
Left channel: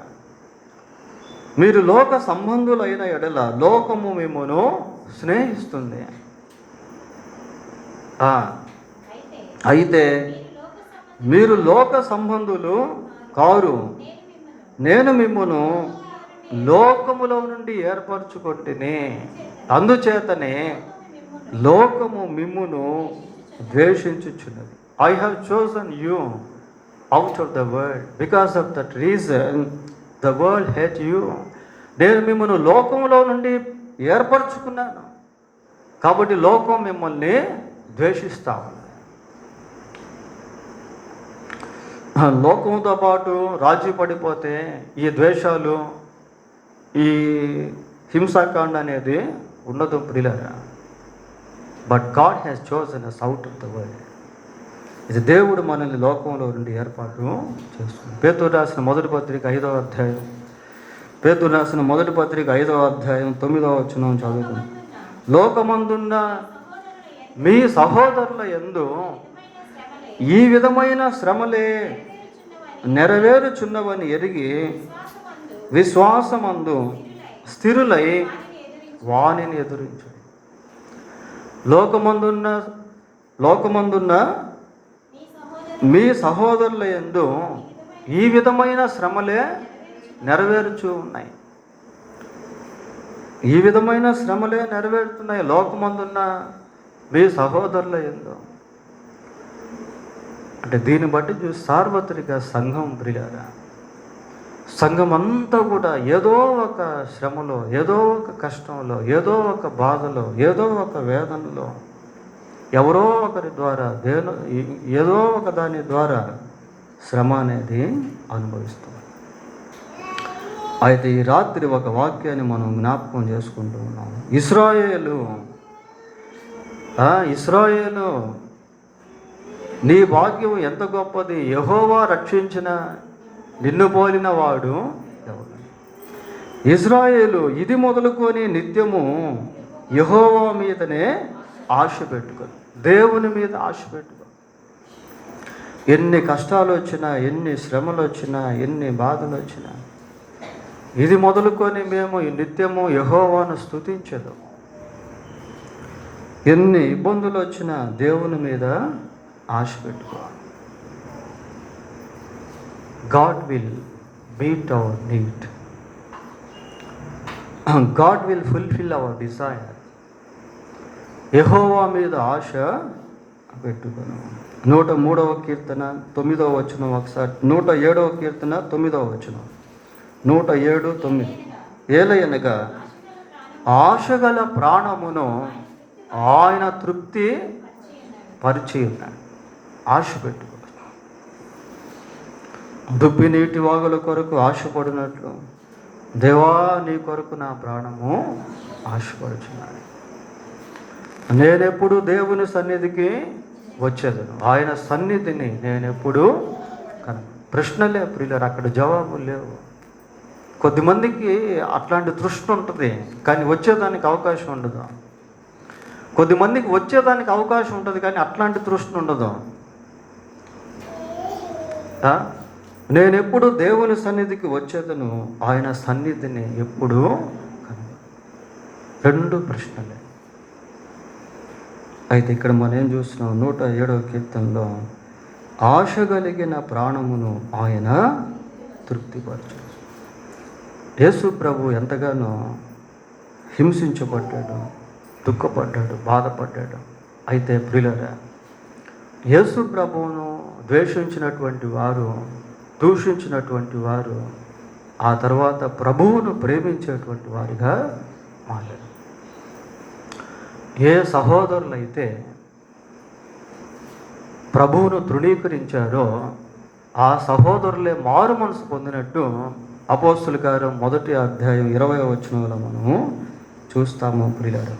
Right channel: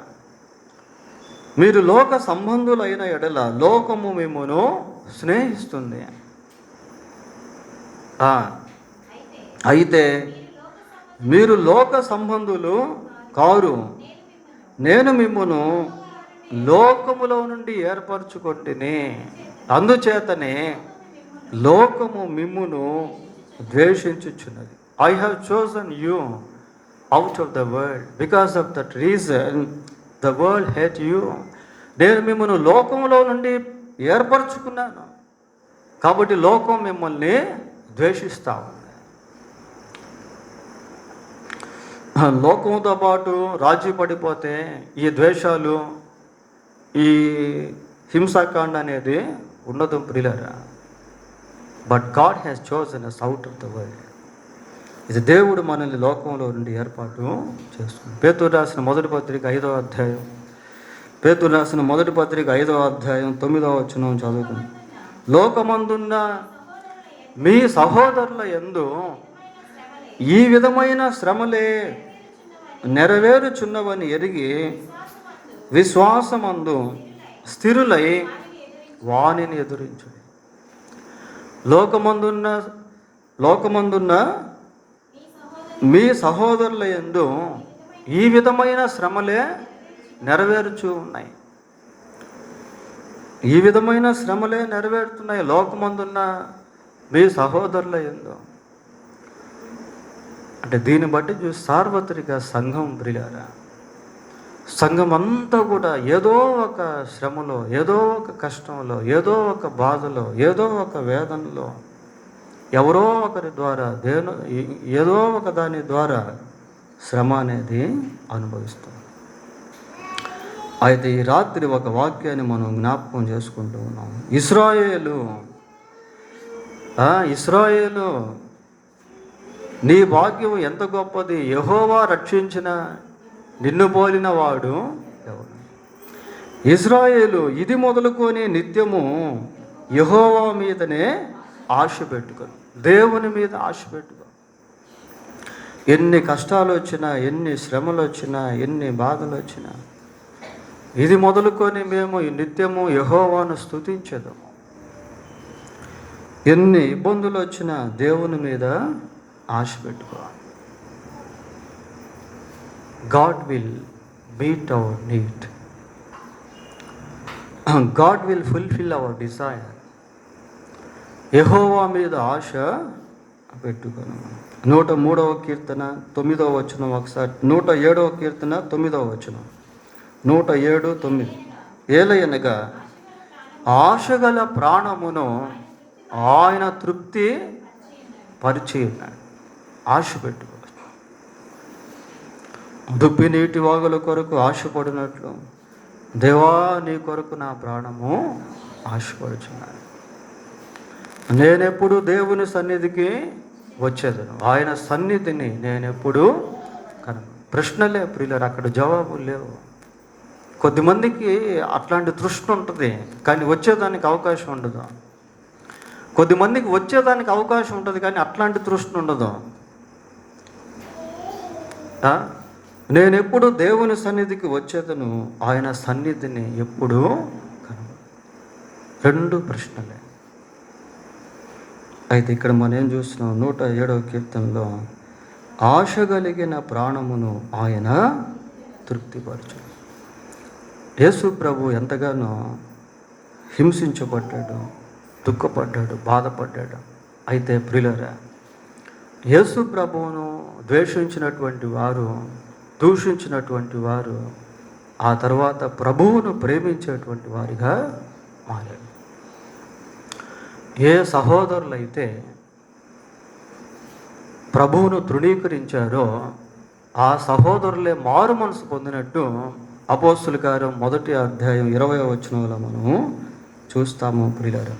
మీరు లోక సంబంధులైన ఎడల లోకము మిమ్మును స్నేహిస్తుంది. అయితే మీరు లోక సంబంధులు కారు, నేను మిమ్మును లోకములో నుండి ఏర్పరచుకొంటిని, అందుచేతనే లోకము మిమ్మును ద్వేషించుచున్నది. I have chosen you out of the world, because of that reason the world hate you. నేను మిమ్మల్ని లోకంలో నుండి ఏర్పరచుకున్నాను కాబట్టి లోకం మిమ్మల్ని ద్వేషిస్తాను. లోకంతో పాటు రాజీ పడిపోతే ఈ ద్వేషాలు, ఈ హింసాకాండ అనేది ఉండదు ప్రియులారా. But God has chosen us out of the world. ఇది దేవుడు మనల్ని లోకంలో నుండి ఏర్పాటు చేస్తుంది. పేతురు రాసిన మొదటి పత్రిక 5వ అధ్యాయం, పేతురు రాసిన మొదటి పత్రిక 5వ అధ్యాయం 9వ వచనం చదువుకుందాం. లోకమందున్న మీ సహోదరుల యందు ఈ విధమైన శ్రమలే నెరవేరుచున్నవని ఎరిగి విశ్వాసమందు స్థిరులై వానిని ఎదురించు. లోకమందున్న మీ సహోదరుల యందు ఈ విధమైన శ్రమలే నెరవేరుచు ఉన్నాయి. ఈ విధమైన శ్రమలే నెరవేరుతున్నాయి లోకమందున్న మీ సహోదరుల యందు. అంటే దీన్ని బట్టి చూసి సార్వత్రిక సంఘం ప్రియులారా, సంఘం అంతా కూడా ఏదో ఒక శ్రమలో, ఏదో ఒక కష్టంలో, ఏదో ఒక బాధలో, ఏదో ఒక వేదనలో, ఎవరో ఒకరి ద్వారా ఏదో ఒక దాని ద్వారా శ్రమ అనేది అనుభవిస్తాం. అయితే ఈ రాత్రి ఒక వాక్యాన్ని మనం జ్ఞాపకం చేసుకుంటూ ఉన్నాం. ఇశ్రాయేలు నీ భాగ్యం ఎంత గొప్పది, యెహోవా రక్షించిన నిన్ను పోలిన వాడు ఎవరు? ఇశ్రాయేలు ఇది మొదలుకొని నిత్యము యెహోవా మీదనే ఆశ పెట్టుకో, దేవుని మీద ఆశ పెట్టుకో. ఎన్ని కష్టాలు వచ్చినా, ఎన్ని శ్రమలు వచ్చినా, ఎన్ని బాధలు వచ్చినా, ఇది మొదలుకొని మేము నిత్యము యెహోవాను స్తుతించదు. ఎన్ని ఇబ్బందులు వచ్చినా దేవుని మీద ఆశ పెట్టుకో. God will meet our need. God will fulfill our desire. యెహోవా మీద ఆశ పెట్టుకోను. 103వ కీర్తన 9వ వచనం ఒకసారి, 107వ కీర్తన 9వ వచనం, 107:9. ఏలయనగా ఆశగల ప్రాణమును ఆయన తృప్తి పరిచి ఉన్నాడు. ఆశ పెట్టుకో. దుబ్బి నీటి వాగుల కొరకు ఆశపడినట్లు దేవా నీ కొరకు నా ప్రాణము ఆశపడుచున్నాడు. నేనెప్పుడు దేవుని సన్నిధికి వచ్చేదను, ఆయన సన్నిధిని నేనెప్పుడు ప్రశ్నలే ప్రియులారు, అక్కడ జవాబులు లేవు. కొద్దిమందికి అట్లాంటి తృష్ణ ఉంటుంది కానీ వచ్చేదానికి అవకాశం ఉండదు. కొద్దిమందికి వచ్చేదానికి అవకాశం ఉంటుంది కానీ అట్లాంటి తృష్ణ ఉండదు. నేనెప్పుడు దేవుని సన్నిధికి వచ్చేదను, ఆయన సన్నిధిని ఎప్పుడు. రెండు ప్రశ్నలే. అయితే ఇక్కడ మనం ఏం చూస్తున్నాం, 107వ కీర్తనలో ఆశ కలిగిన ప్రాణమును ఆయన తృప్తిపరచు. యేసు ప్రభు ఎంతగానో హింసించబడ్డాడు, దుఃఖపడ్డాడు, బాధపడ్డాడు. అయితే ప్రియులారా, యేసు ప్రభువును ద్వేషించినటువంటి వారు, దూషించినటువంటి వారు ఆ తర్వాత ప్రభువును ప్రేమించేటువంటి వారిగా మారారు. ఏ సహోదరులైతే ప్రభువును తృణీకరించారో ఆ సహోదరులే మారు మనసు పొందినట్టు అపోస్తుల కార్యం 1వ అధ్యాయం 20వ వచనంలో మనము చూస్తాము ప్రియులారా.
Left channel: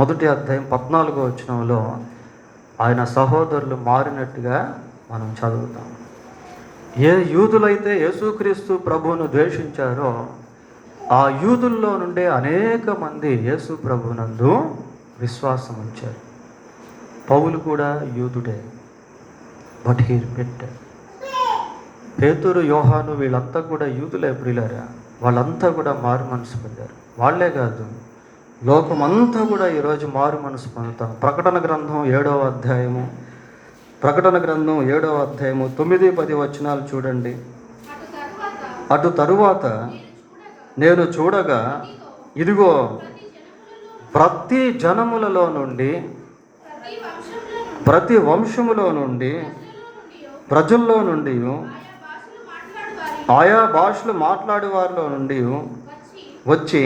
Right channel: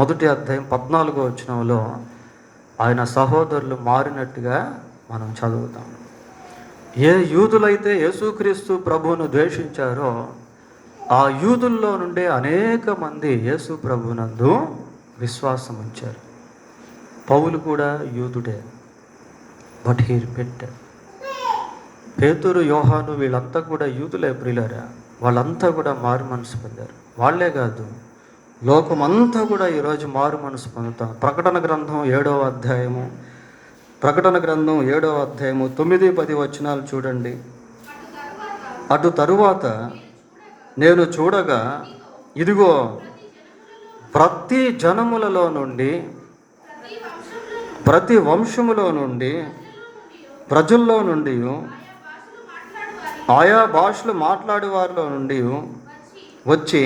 1వ అధ్యాయం 14వ వచనంలో ఆయన సహోదరులు మారినట్టుగా మనం చదువుతాం. ఏ యూదులైతే యేసుక్రీస్తు ప్రభువును ద్వేషించారో ఆ యూదుల్లో నుండే అనేక మంది యేసు ప్రభునందు విశ్వాసం ఉంచారు. పౌలు కూడా యూదుడే, బట్ హీ రిపెంటెడ్. పేతురు, యోహాను వీళ్ళంతా కూడా యూదులే ప్రియులారా. వాళ్ళంతా కూడా మారు మనసు పొందారు. వాళ్ళే కాదు, లోకమంతా కూడా ఈరోజు మారు మనసు పొందుతాం. ప్రకటన గ్రంథం 7వ అధ్యాయము 9-10 వచనాలు చూడండి. అటు తరువాత నేను చూడగా, ఇదిగో ప్రతి జనములలో నుండి, ప్రతి వంశములో నుండి, ప్రజల్లో నుండి, ఆయా భాషలు మాట్లాడే వారిలో నుండి వచ్చి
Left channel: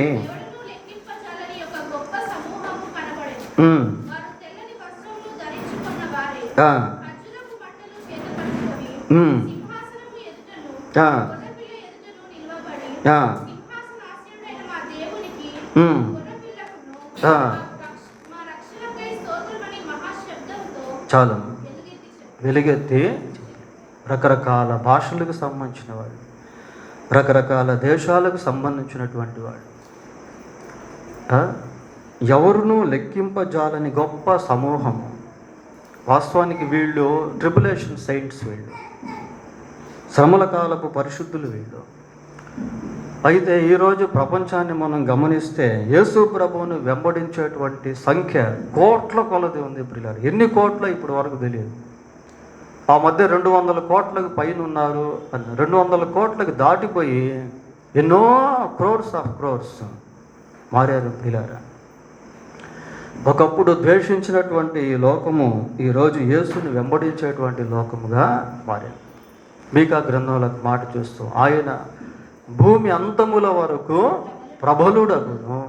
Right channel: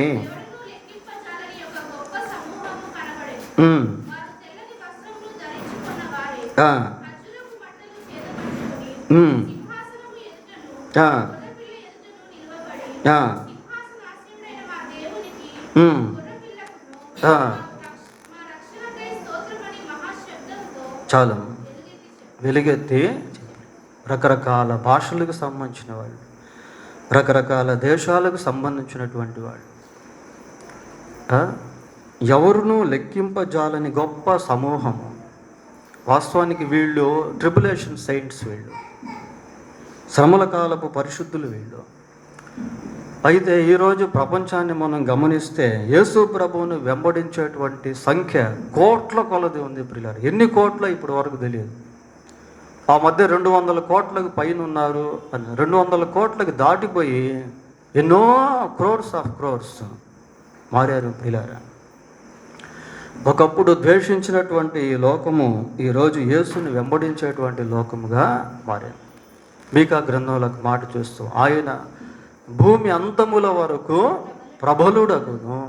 చాలు వెలుగెత్తి రకరకాల భాషలకు సంబంధించిన వాళ్ళు, రకరకాల దేశాలకు సంబంధించినటువంటి వాళ్ళు, ఎవరునూ లెక్కింపజాలని గొప్ప సమూహం. వాస్తవానికి వీళ్ళు ట్రిబులేషన్ సెయింట్స్, వీళ్ళు శ్రమల కాలపు పరిశుద్ధులు వీళ్ళు. అయితే ఈరోజు ప్రపంచాన్ని మనం గమనిస్తే యేసు ప్రభువును వెంబడించేటువంటి సంఖ్య కోట్ల కొలది ఉంది ప్రియులారా. ఎన్ని కోట్ల ఇప్పటి వరకు తెలియదు. ఆ మధ్య 200 కోట్లకు పైన ఉన్నారు, 200 కోట్లకు దాటిపోయి ఎన్నో క్రోర్స్ మారారు ప్రియులారా. ఒకప్పుడు ద్వేషించినటువంటి ఈ లోకము ఈరోజు యేసుని వెంబడించేటువంటి లోకముగా మారారు. మీకా గ్రంథంలో మాట చూస్తూ, ఆయన భూమి అంతముల వరకు ప్రబలుడగును.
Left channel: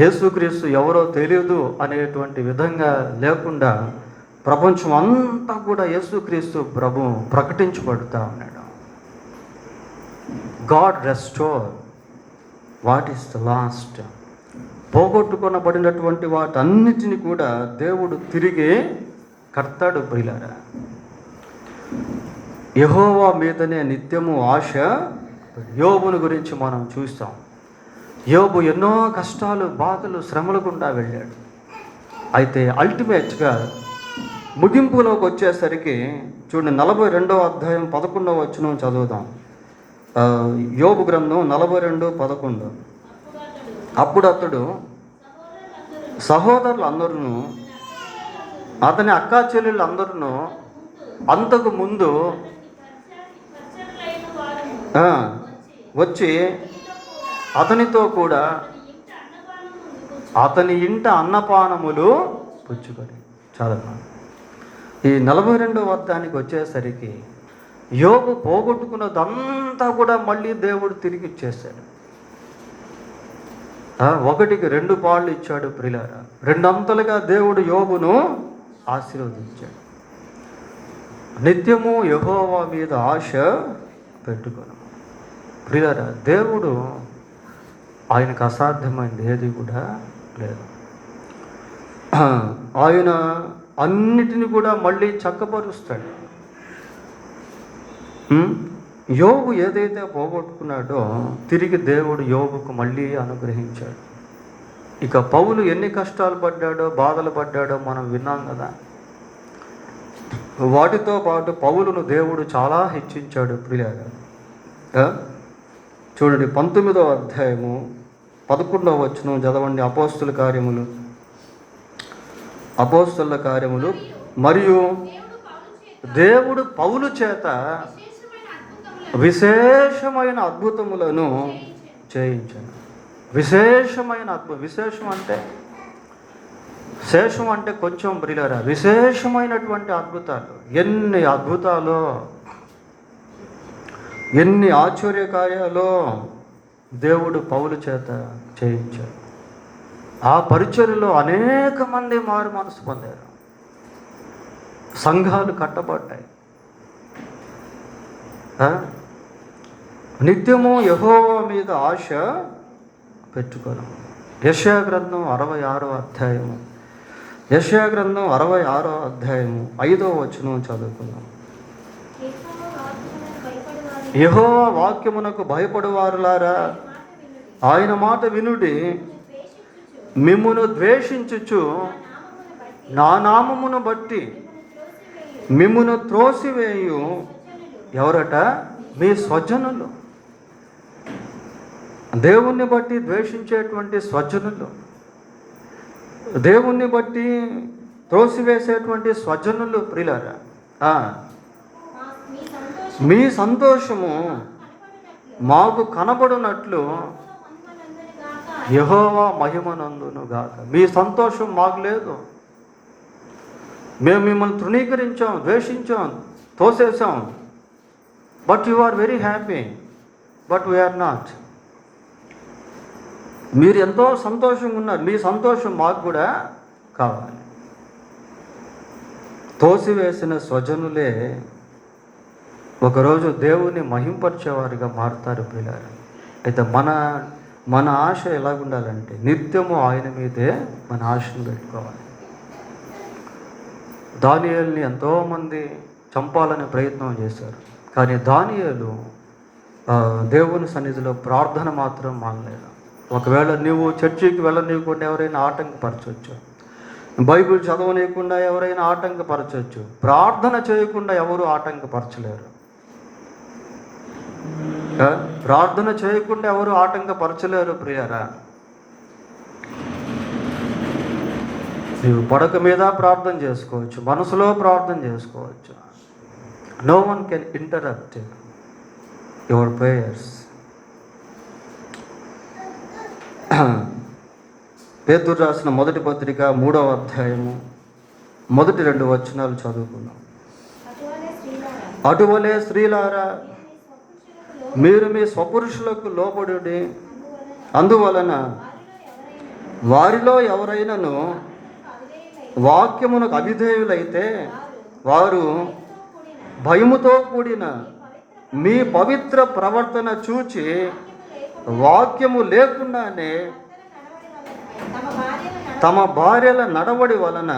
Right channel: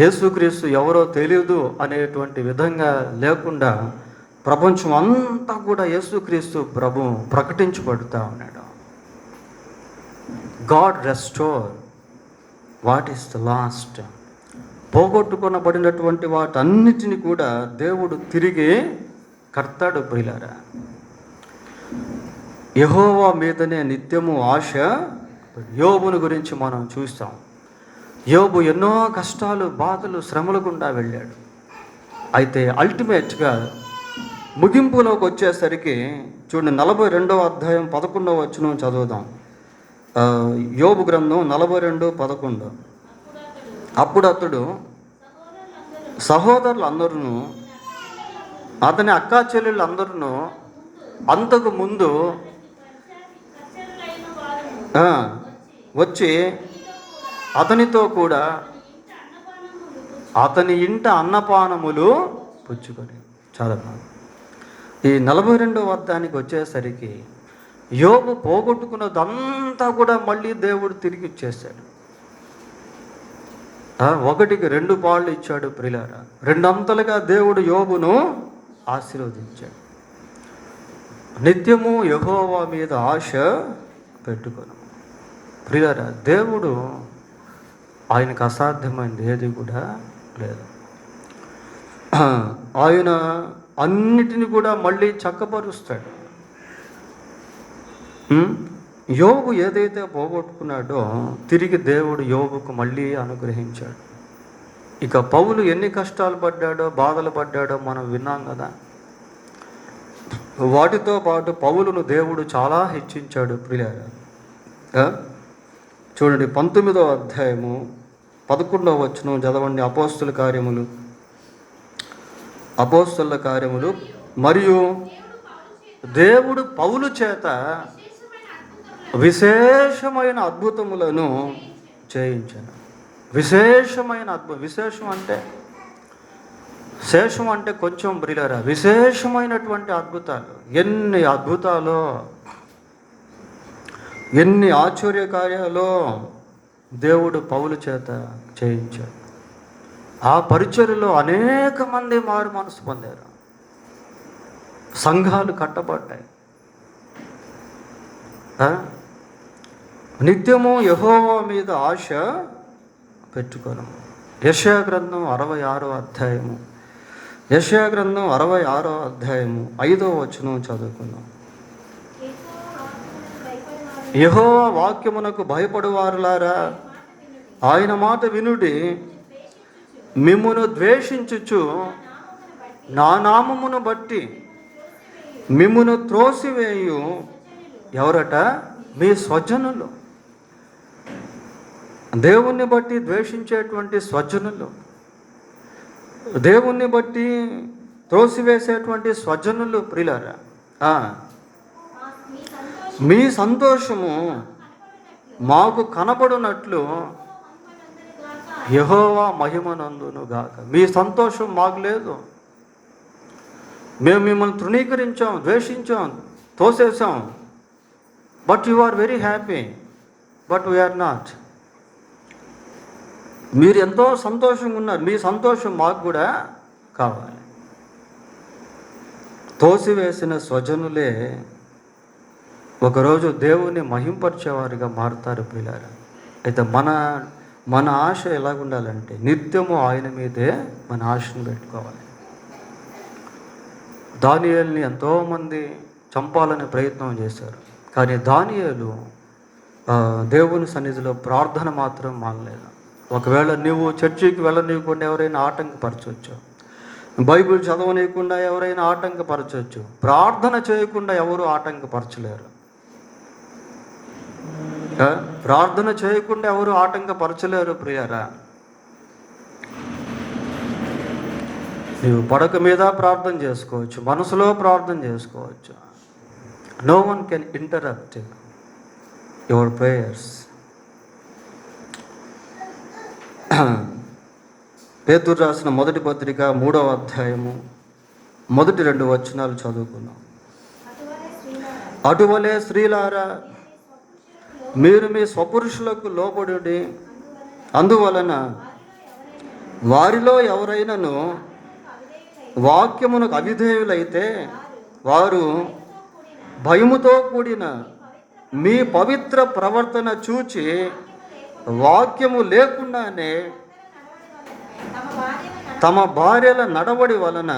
యేసుక్రీస్తు ఎవరో తెలియదు అనేటువంటి విధంగా లేకుండా ప్రపంచం అంతా కూడా యేసుక్రీస్తు ప్రభు ప్రకటించబడుతూ ఉన్నాడు. God restore what is the lost. పోగొట్టుకొనబడినటువంటి వాటన్నిటిని కూడా దేవుడు తిరిగి కడతాడు ప్రియులారా. యెహోవా మీదనే నిత్యము ఆశ. యోబుని గురించి మనం చూస్తాం. యోబు ఎన్నో కష్టాలు, బాధలు, శ్రమల గుండా వెళ్ళాడు. అయితే అల్టిమేట్గా ముగింపులోకి వచ్చేసరికి చూడండి, 42వ అధ్యాయం 11వ వచనం చదువుదాం. యోబు గ్రంథం 42:11. అప్పుడు అతడు సహోదరులందరూ, అతని అక్కా చెల్లెళ్ళందరూ అంతకు ముందు వచ్చి అతనితో కూడా అతని ఇంట అన్నపానములు పుచ్చుకొని. చాలా ఈ 42వ అధ్యాయానికి వచ్చేసరికి యోబు పోగొట్టుకున్నదంతా కూడా మళ్ళీ దేవుడు తిరిగి ఇచ్చేశాడు. 1కి 2 పాళ్ళు ఇచ్చాడు ప్రియులారా. 2 అంతలుగా దేవుడు యోబును ఆశీర్వదించాడు. నిత్యము యెహోవా మీద ఆశ పెట్టుకొని ప్రియులారా, దేవుడు ఆయనకు అసాధ్యమైనది ఏది కూడా లేదు. ఆయన అన్నిటిని కూడా మళ్ళీ చక్కపరుస్తాడు. యోబు ఏదైతే పోగొట్టుకున్నాడో తిరిగి దేవుడు యోబుకు మళ్ళీ అనుగ్రహించాడు. ఇక పౌలు ఎన్ని కష్టాలు పడ్డాడో, బాధలు పడ్డాడో మనం విన్నాం కదా. వాటితో పాటు పౌలును దేవుడు చాలా హెచ్చించాడు ప్రియులారా. చూడండి, 19వ అధ్యాయము 11వ వచనం చదవండి. అపోస్తలుల కార్యములు. మరియు దేవుడు పౌలు చేత విశేషమైన అద్భుతములను చేయించాను. విశేషమైన విశేషం అంటే శేషం అంటే కొంచెం ప్రియులారా, విశేషమైనటువంటి అద్భుతాలు. ఎన్ని అద్భుతాలు, ఎన్ని ఆశ్చర్య కార్యాలు దేవుడు పౌలు చేత చేయించాడు. ఆ పరిచర్యలో అనేక మంది మారు మనసు పొందారు. సంఘాలు కట్టబడ్డాయి. నిత్యము యెహోవా మీద ఆశ పెట్టుకోను. యెషయా గ్రంథం 66వ అధ్యాయము. యెషయా గ్రంథం 66వ అధ్యాయము 5వ వచనం చదువుకుందాం. యెహోవా వాక్యమునకు భయపడువారులారా, ఆయన మాట వినుడి. మిమ్మును ద్వేషించుచు నా నామమును బట్టి మిమ్మును త్రోసివేయు ఎవరట? మీ స్వజనులు. దేవుణ్ణి బట్టి ద్వేషించేటువంటి స్వజనులు, దేవుణ్ణి బట్టి త్రోసివేసేటువంటి స్వజనులు ప్రియులారా, మీ సంతోషము మాకు కనబడినట్లు యెహోవా మహిమనందును గాక. మీ సంతోషం మాకు లేదు. మేము మిమ్మల్ని తృణీకరించాం, ద్వేషించాం, తోసేసాం. But you are very happy, but we are not. మీరు ఎంతో సంతోషంగా ఉన్నారు, మీ సంతోషం మాకు కూడా కావాలి. తోసివేసిన స్వజనులే ఒకరోజు దేవుని మహింపరిచేవారుగా మారుతారు పిల్లలు. అయితే మన ఆశ ఎలాగుండాలంటే నిత్యము ఆయన మీదే మన ఆశను పెట్టుకోవాలి. దానియేలుని ఎంతోమంది చంపాలని ప్రయత్నం చేశారు, కానీ దానియేలు దేవుని సన్నిధిలో ప్రార్థన మాత్రం మానలేదు. ఒకవేళ నువ్వు చర్చికి వెళ్ళనీయకుండా ఎవరైనా ఆటంకపరచవచ్చు, బైబిల్ చదవనీయకుండా ఎవరైనా ఆటంకపరచవచ్చు, ప్రార్థన చేయకుండా ఎవరు ఆటంకపరచలేరు. ప్రార్థన చేయకుండా ఎవరు ఆటంకపరచలేరు ప్రియారా. నీవు పడక మీద ప్రార్థన చేసుకోవచ్చు, మనసులో ప్రార్థన చేసుకోవచ్చు. No one can interrupt your prayers. పేతురు రాసిన మొదటి పత్రిక 3వ అధ్యాయము మొదటి 2 వచనాలు చదువుకున్నాం. అటువలే స్త్రీలారా, మీరు మీ స్వపురుషులకు లోబడి, అందువలన వారిలో ఎవరైనాను వాక్యమునకు అవిధేయులైతే వారు భయముతో కూడిన మీ పవిత్ర ప్రవర్తన చూచి వాక్యము లేకుండానే తమ భార్యల నడవడి వలన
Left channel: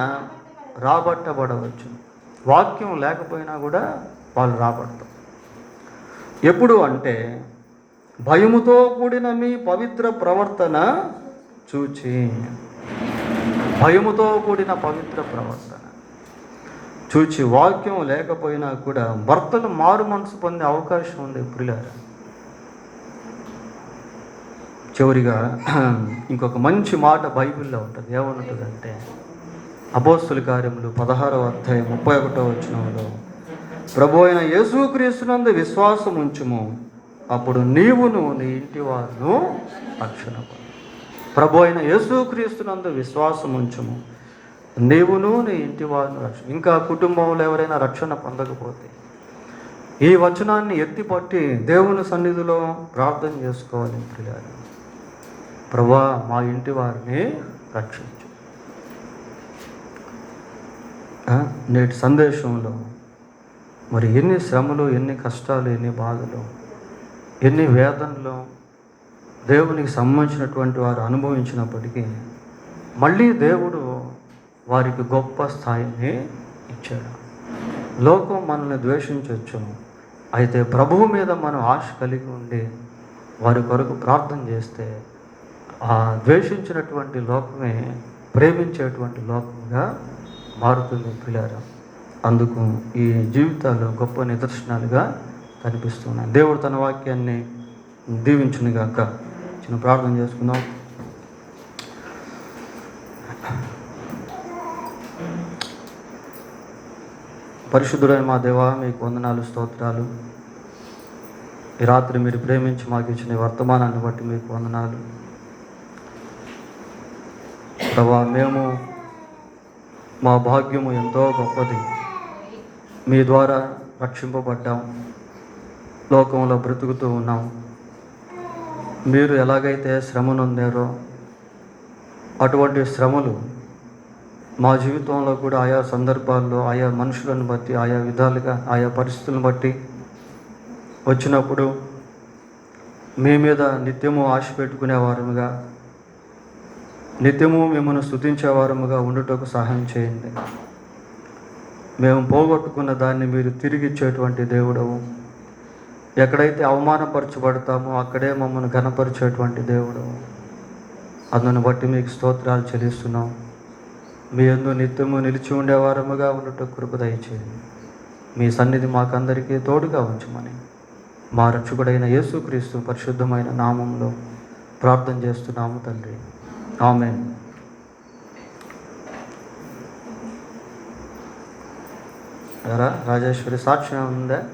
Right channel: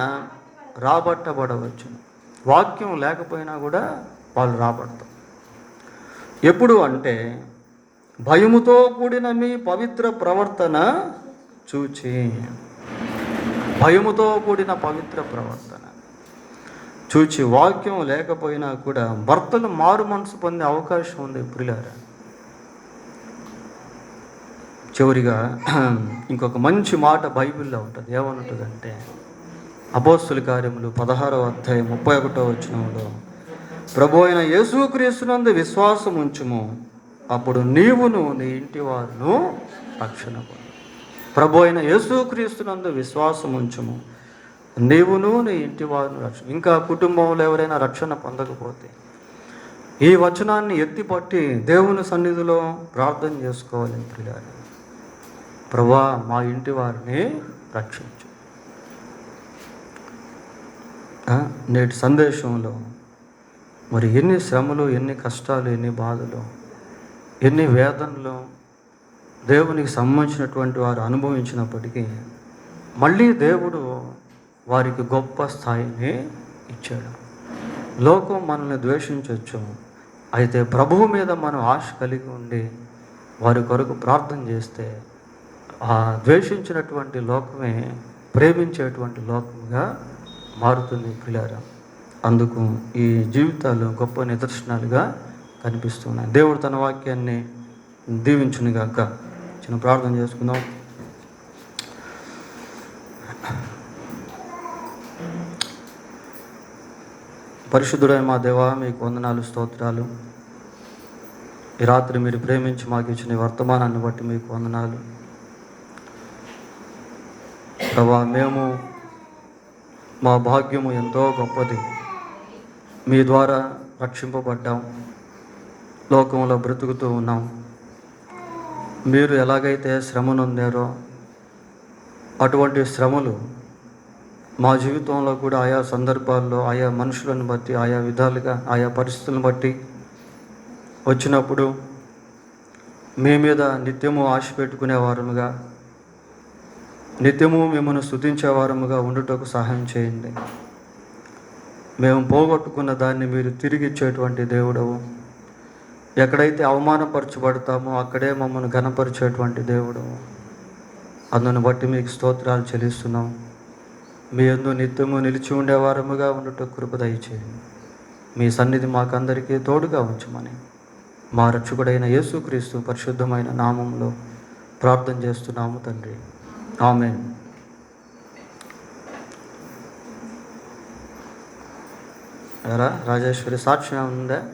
రాబట్టబడవచ్చు. వాక్యం లేకపోయినా కూడా వాళ్ళు రాబడతారు. ఎప్పుడు అంటే భయముతో కూడిన మీ పవిత్ర ప్రవర్తన చూచి. భయముతో కూడిన పవిత్ర ప్రవర్తన చూచి వాక్యం లేకపోయినా కూడా భర్తలు మారు మనసు పొందే అవకాశం ఉంది ప్రియులారా. చివరిగా ఇంకొక మంచి మాట బైబిల్లో ఉంటుంది. ఏమంటుందంటే అపోస్తుల కార్యములు 16వ అధ్యాయం 31వ వచనంలో, ప్రభు అయిన యేసుక్రీస్తునందు విశ్వాసం ఉంచుము, అప్పుడు నీవును నీ ఇంటి వారును రక్షణ. ప్రభు అయిన యేసుక్రీస్తునందు విశ్వాసం ఉంచుము, నీవును నీ ఇంటి వారును రక్షణ. ఇంకా కుటుంబంలో ఎవరైనా రక్షణ పొందకపోతే ఈ వచనాన్ని ఎత్తిపట్టి దేవుని సన్నిధిలో ప్రార్థన చేసుకోవాలి ప్రియులారా. ప్రభువా, మా ఇంటి వారిని రక్షించు. నేటి సందేశంలో మరి ఎన్ని శ్రమలు, ఎన్ని కష్టాలు, ఎన్ని బాధలు, ఎన్ని వేదనలు దేవునికి సంబంధించినటువంటి వారు అనుభవించినప్పటికీ మళ్ళీ దేవుడు వారికి గొప్ప స్థాయిని ఇచ్చాడు. లోకం మనల్ని ద్వేషించవచ్చు, అయితే ప్రభువు మీద మనం ఆశ కలిగి ఉండి వారి కొరకు ప్రార్థన చేస్తే ఆ ద్వేషించినటువంటి లోకమే ప్రేమించేటువంటి లోకంగా మారుతుంది పిల్లారా. అందుకు ఈ జీవితాలు గొప్ప నిదర్శనాలుగా కనిపిస్తున్నాయి. దేవుడు తన వాక్యాన్ని దీవించునుగాక. చిన్న ప్రార్థన చేసుకుందాం. పరిశుద్ధుడైన మా దేవా, మీకు వందనాలు, స్తోత్రాలు. ఈ రాత్రి మీరు ప్రేమించి మాకు ఇచ్చిన వర్తమానాన్ని బట్టి మీకు వందనాలు ప్రభా. మేము మా భాగ్యము ఎంతో గొప్పది, మీ ద్వారా రక్షింపబడ్డాం, లోకంలో బ్రతుకుతూ ఉన్నాం. మీరు ఎలాగైతే శ్రమను పొందారో అటువంటి శ్రమలు మా జీవితంలో కూడా ఆయా సందర్భాల్లో, ఆయా మనుషులను బట్టి, ఆయా విధాలుగా, ఆయా పరిస్థితులను బట్టి వచ్చినప్పుడు మీ మీద నిత్యము ఆశ పెట్టుకునేవారముగా, నిత్యము మిమ్మల్ని స్తుతించేవారముగా ఉండుటకు సహాయం చేయండి. మేము పోగొట్టుకున్న దాన్ని మీరు తిరిగి ఇచ్చేటువంటి దేవుడవు. ఎక్కడైతే అవమానపరచబడతామో అక్కడే మమ్మల్ని ఘనపరిచేటువంటి దేవుడవు. అందును బట్టి మీకు స్తోత్రాలు చెల్లిస్తున్నాం. మీ యందు నిత్యము నిలిచి ఉండేవారముగా ఉండటం కృప దయచేయండి. మీ సన్నిధి మాకందరికీ తోడుగా ఉంచమని మా రక్షకుడైన యేసుక్రీస్తు పరిశుద్ధమైన నామంలో ప్రార్థన చేస్తున్నాము తండ్రి. ఆమేన్. రాజేశ్వరి సాక్ష్యం ఉందా?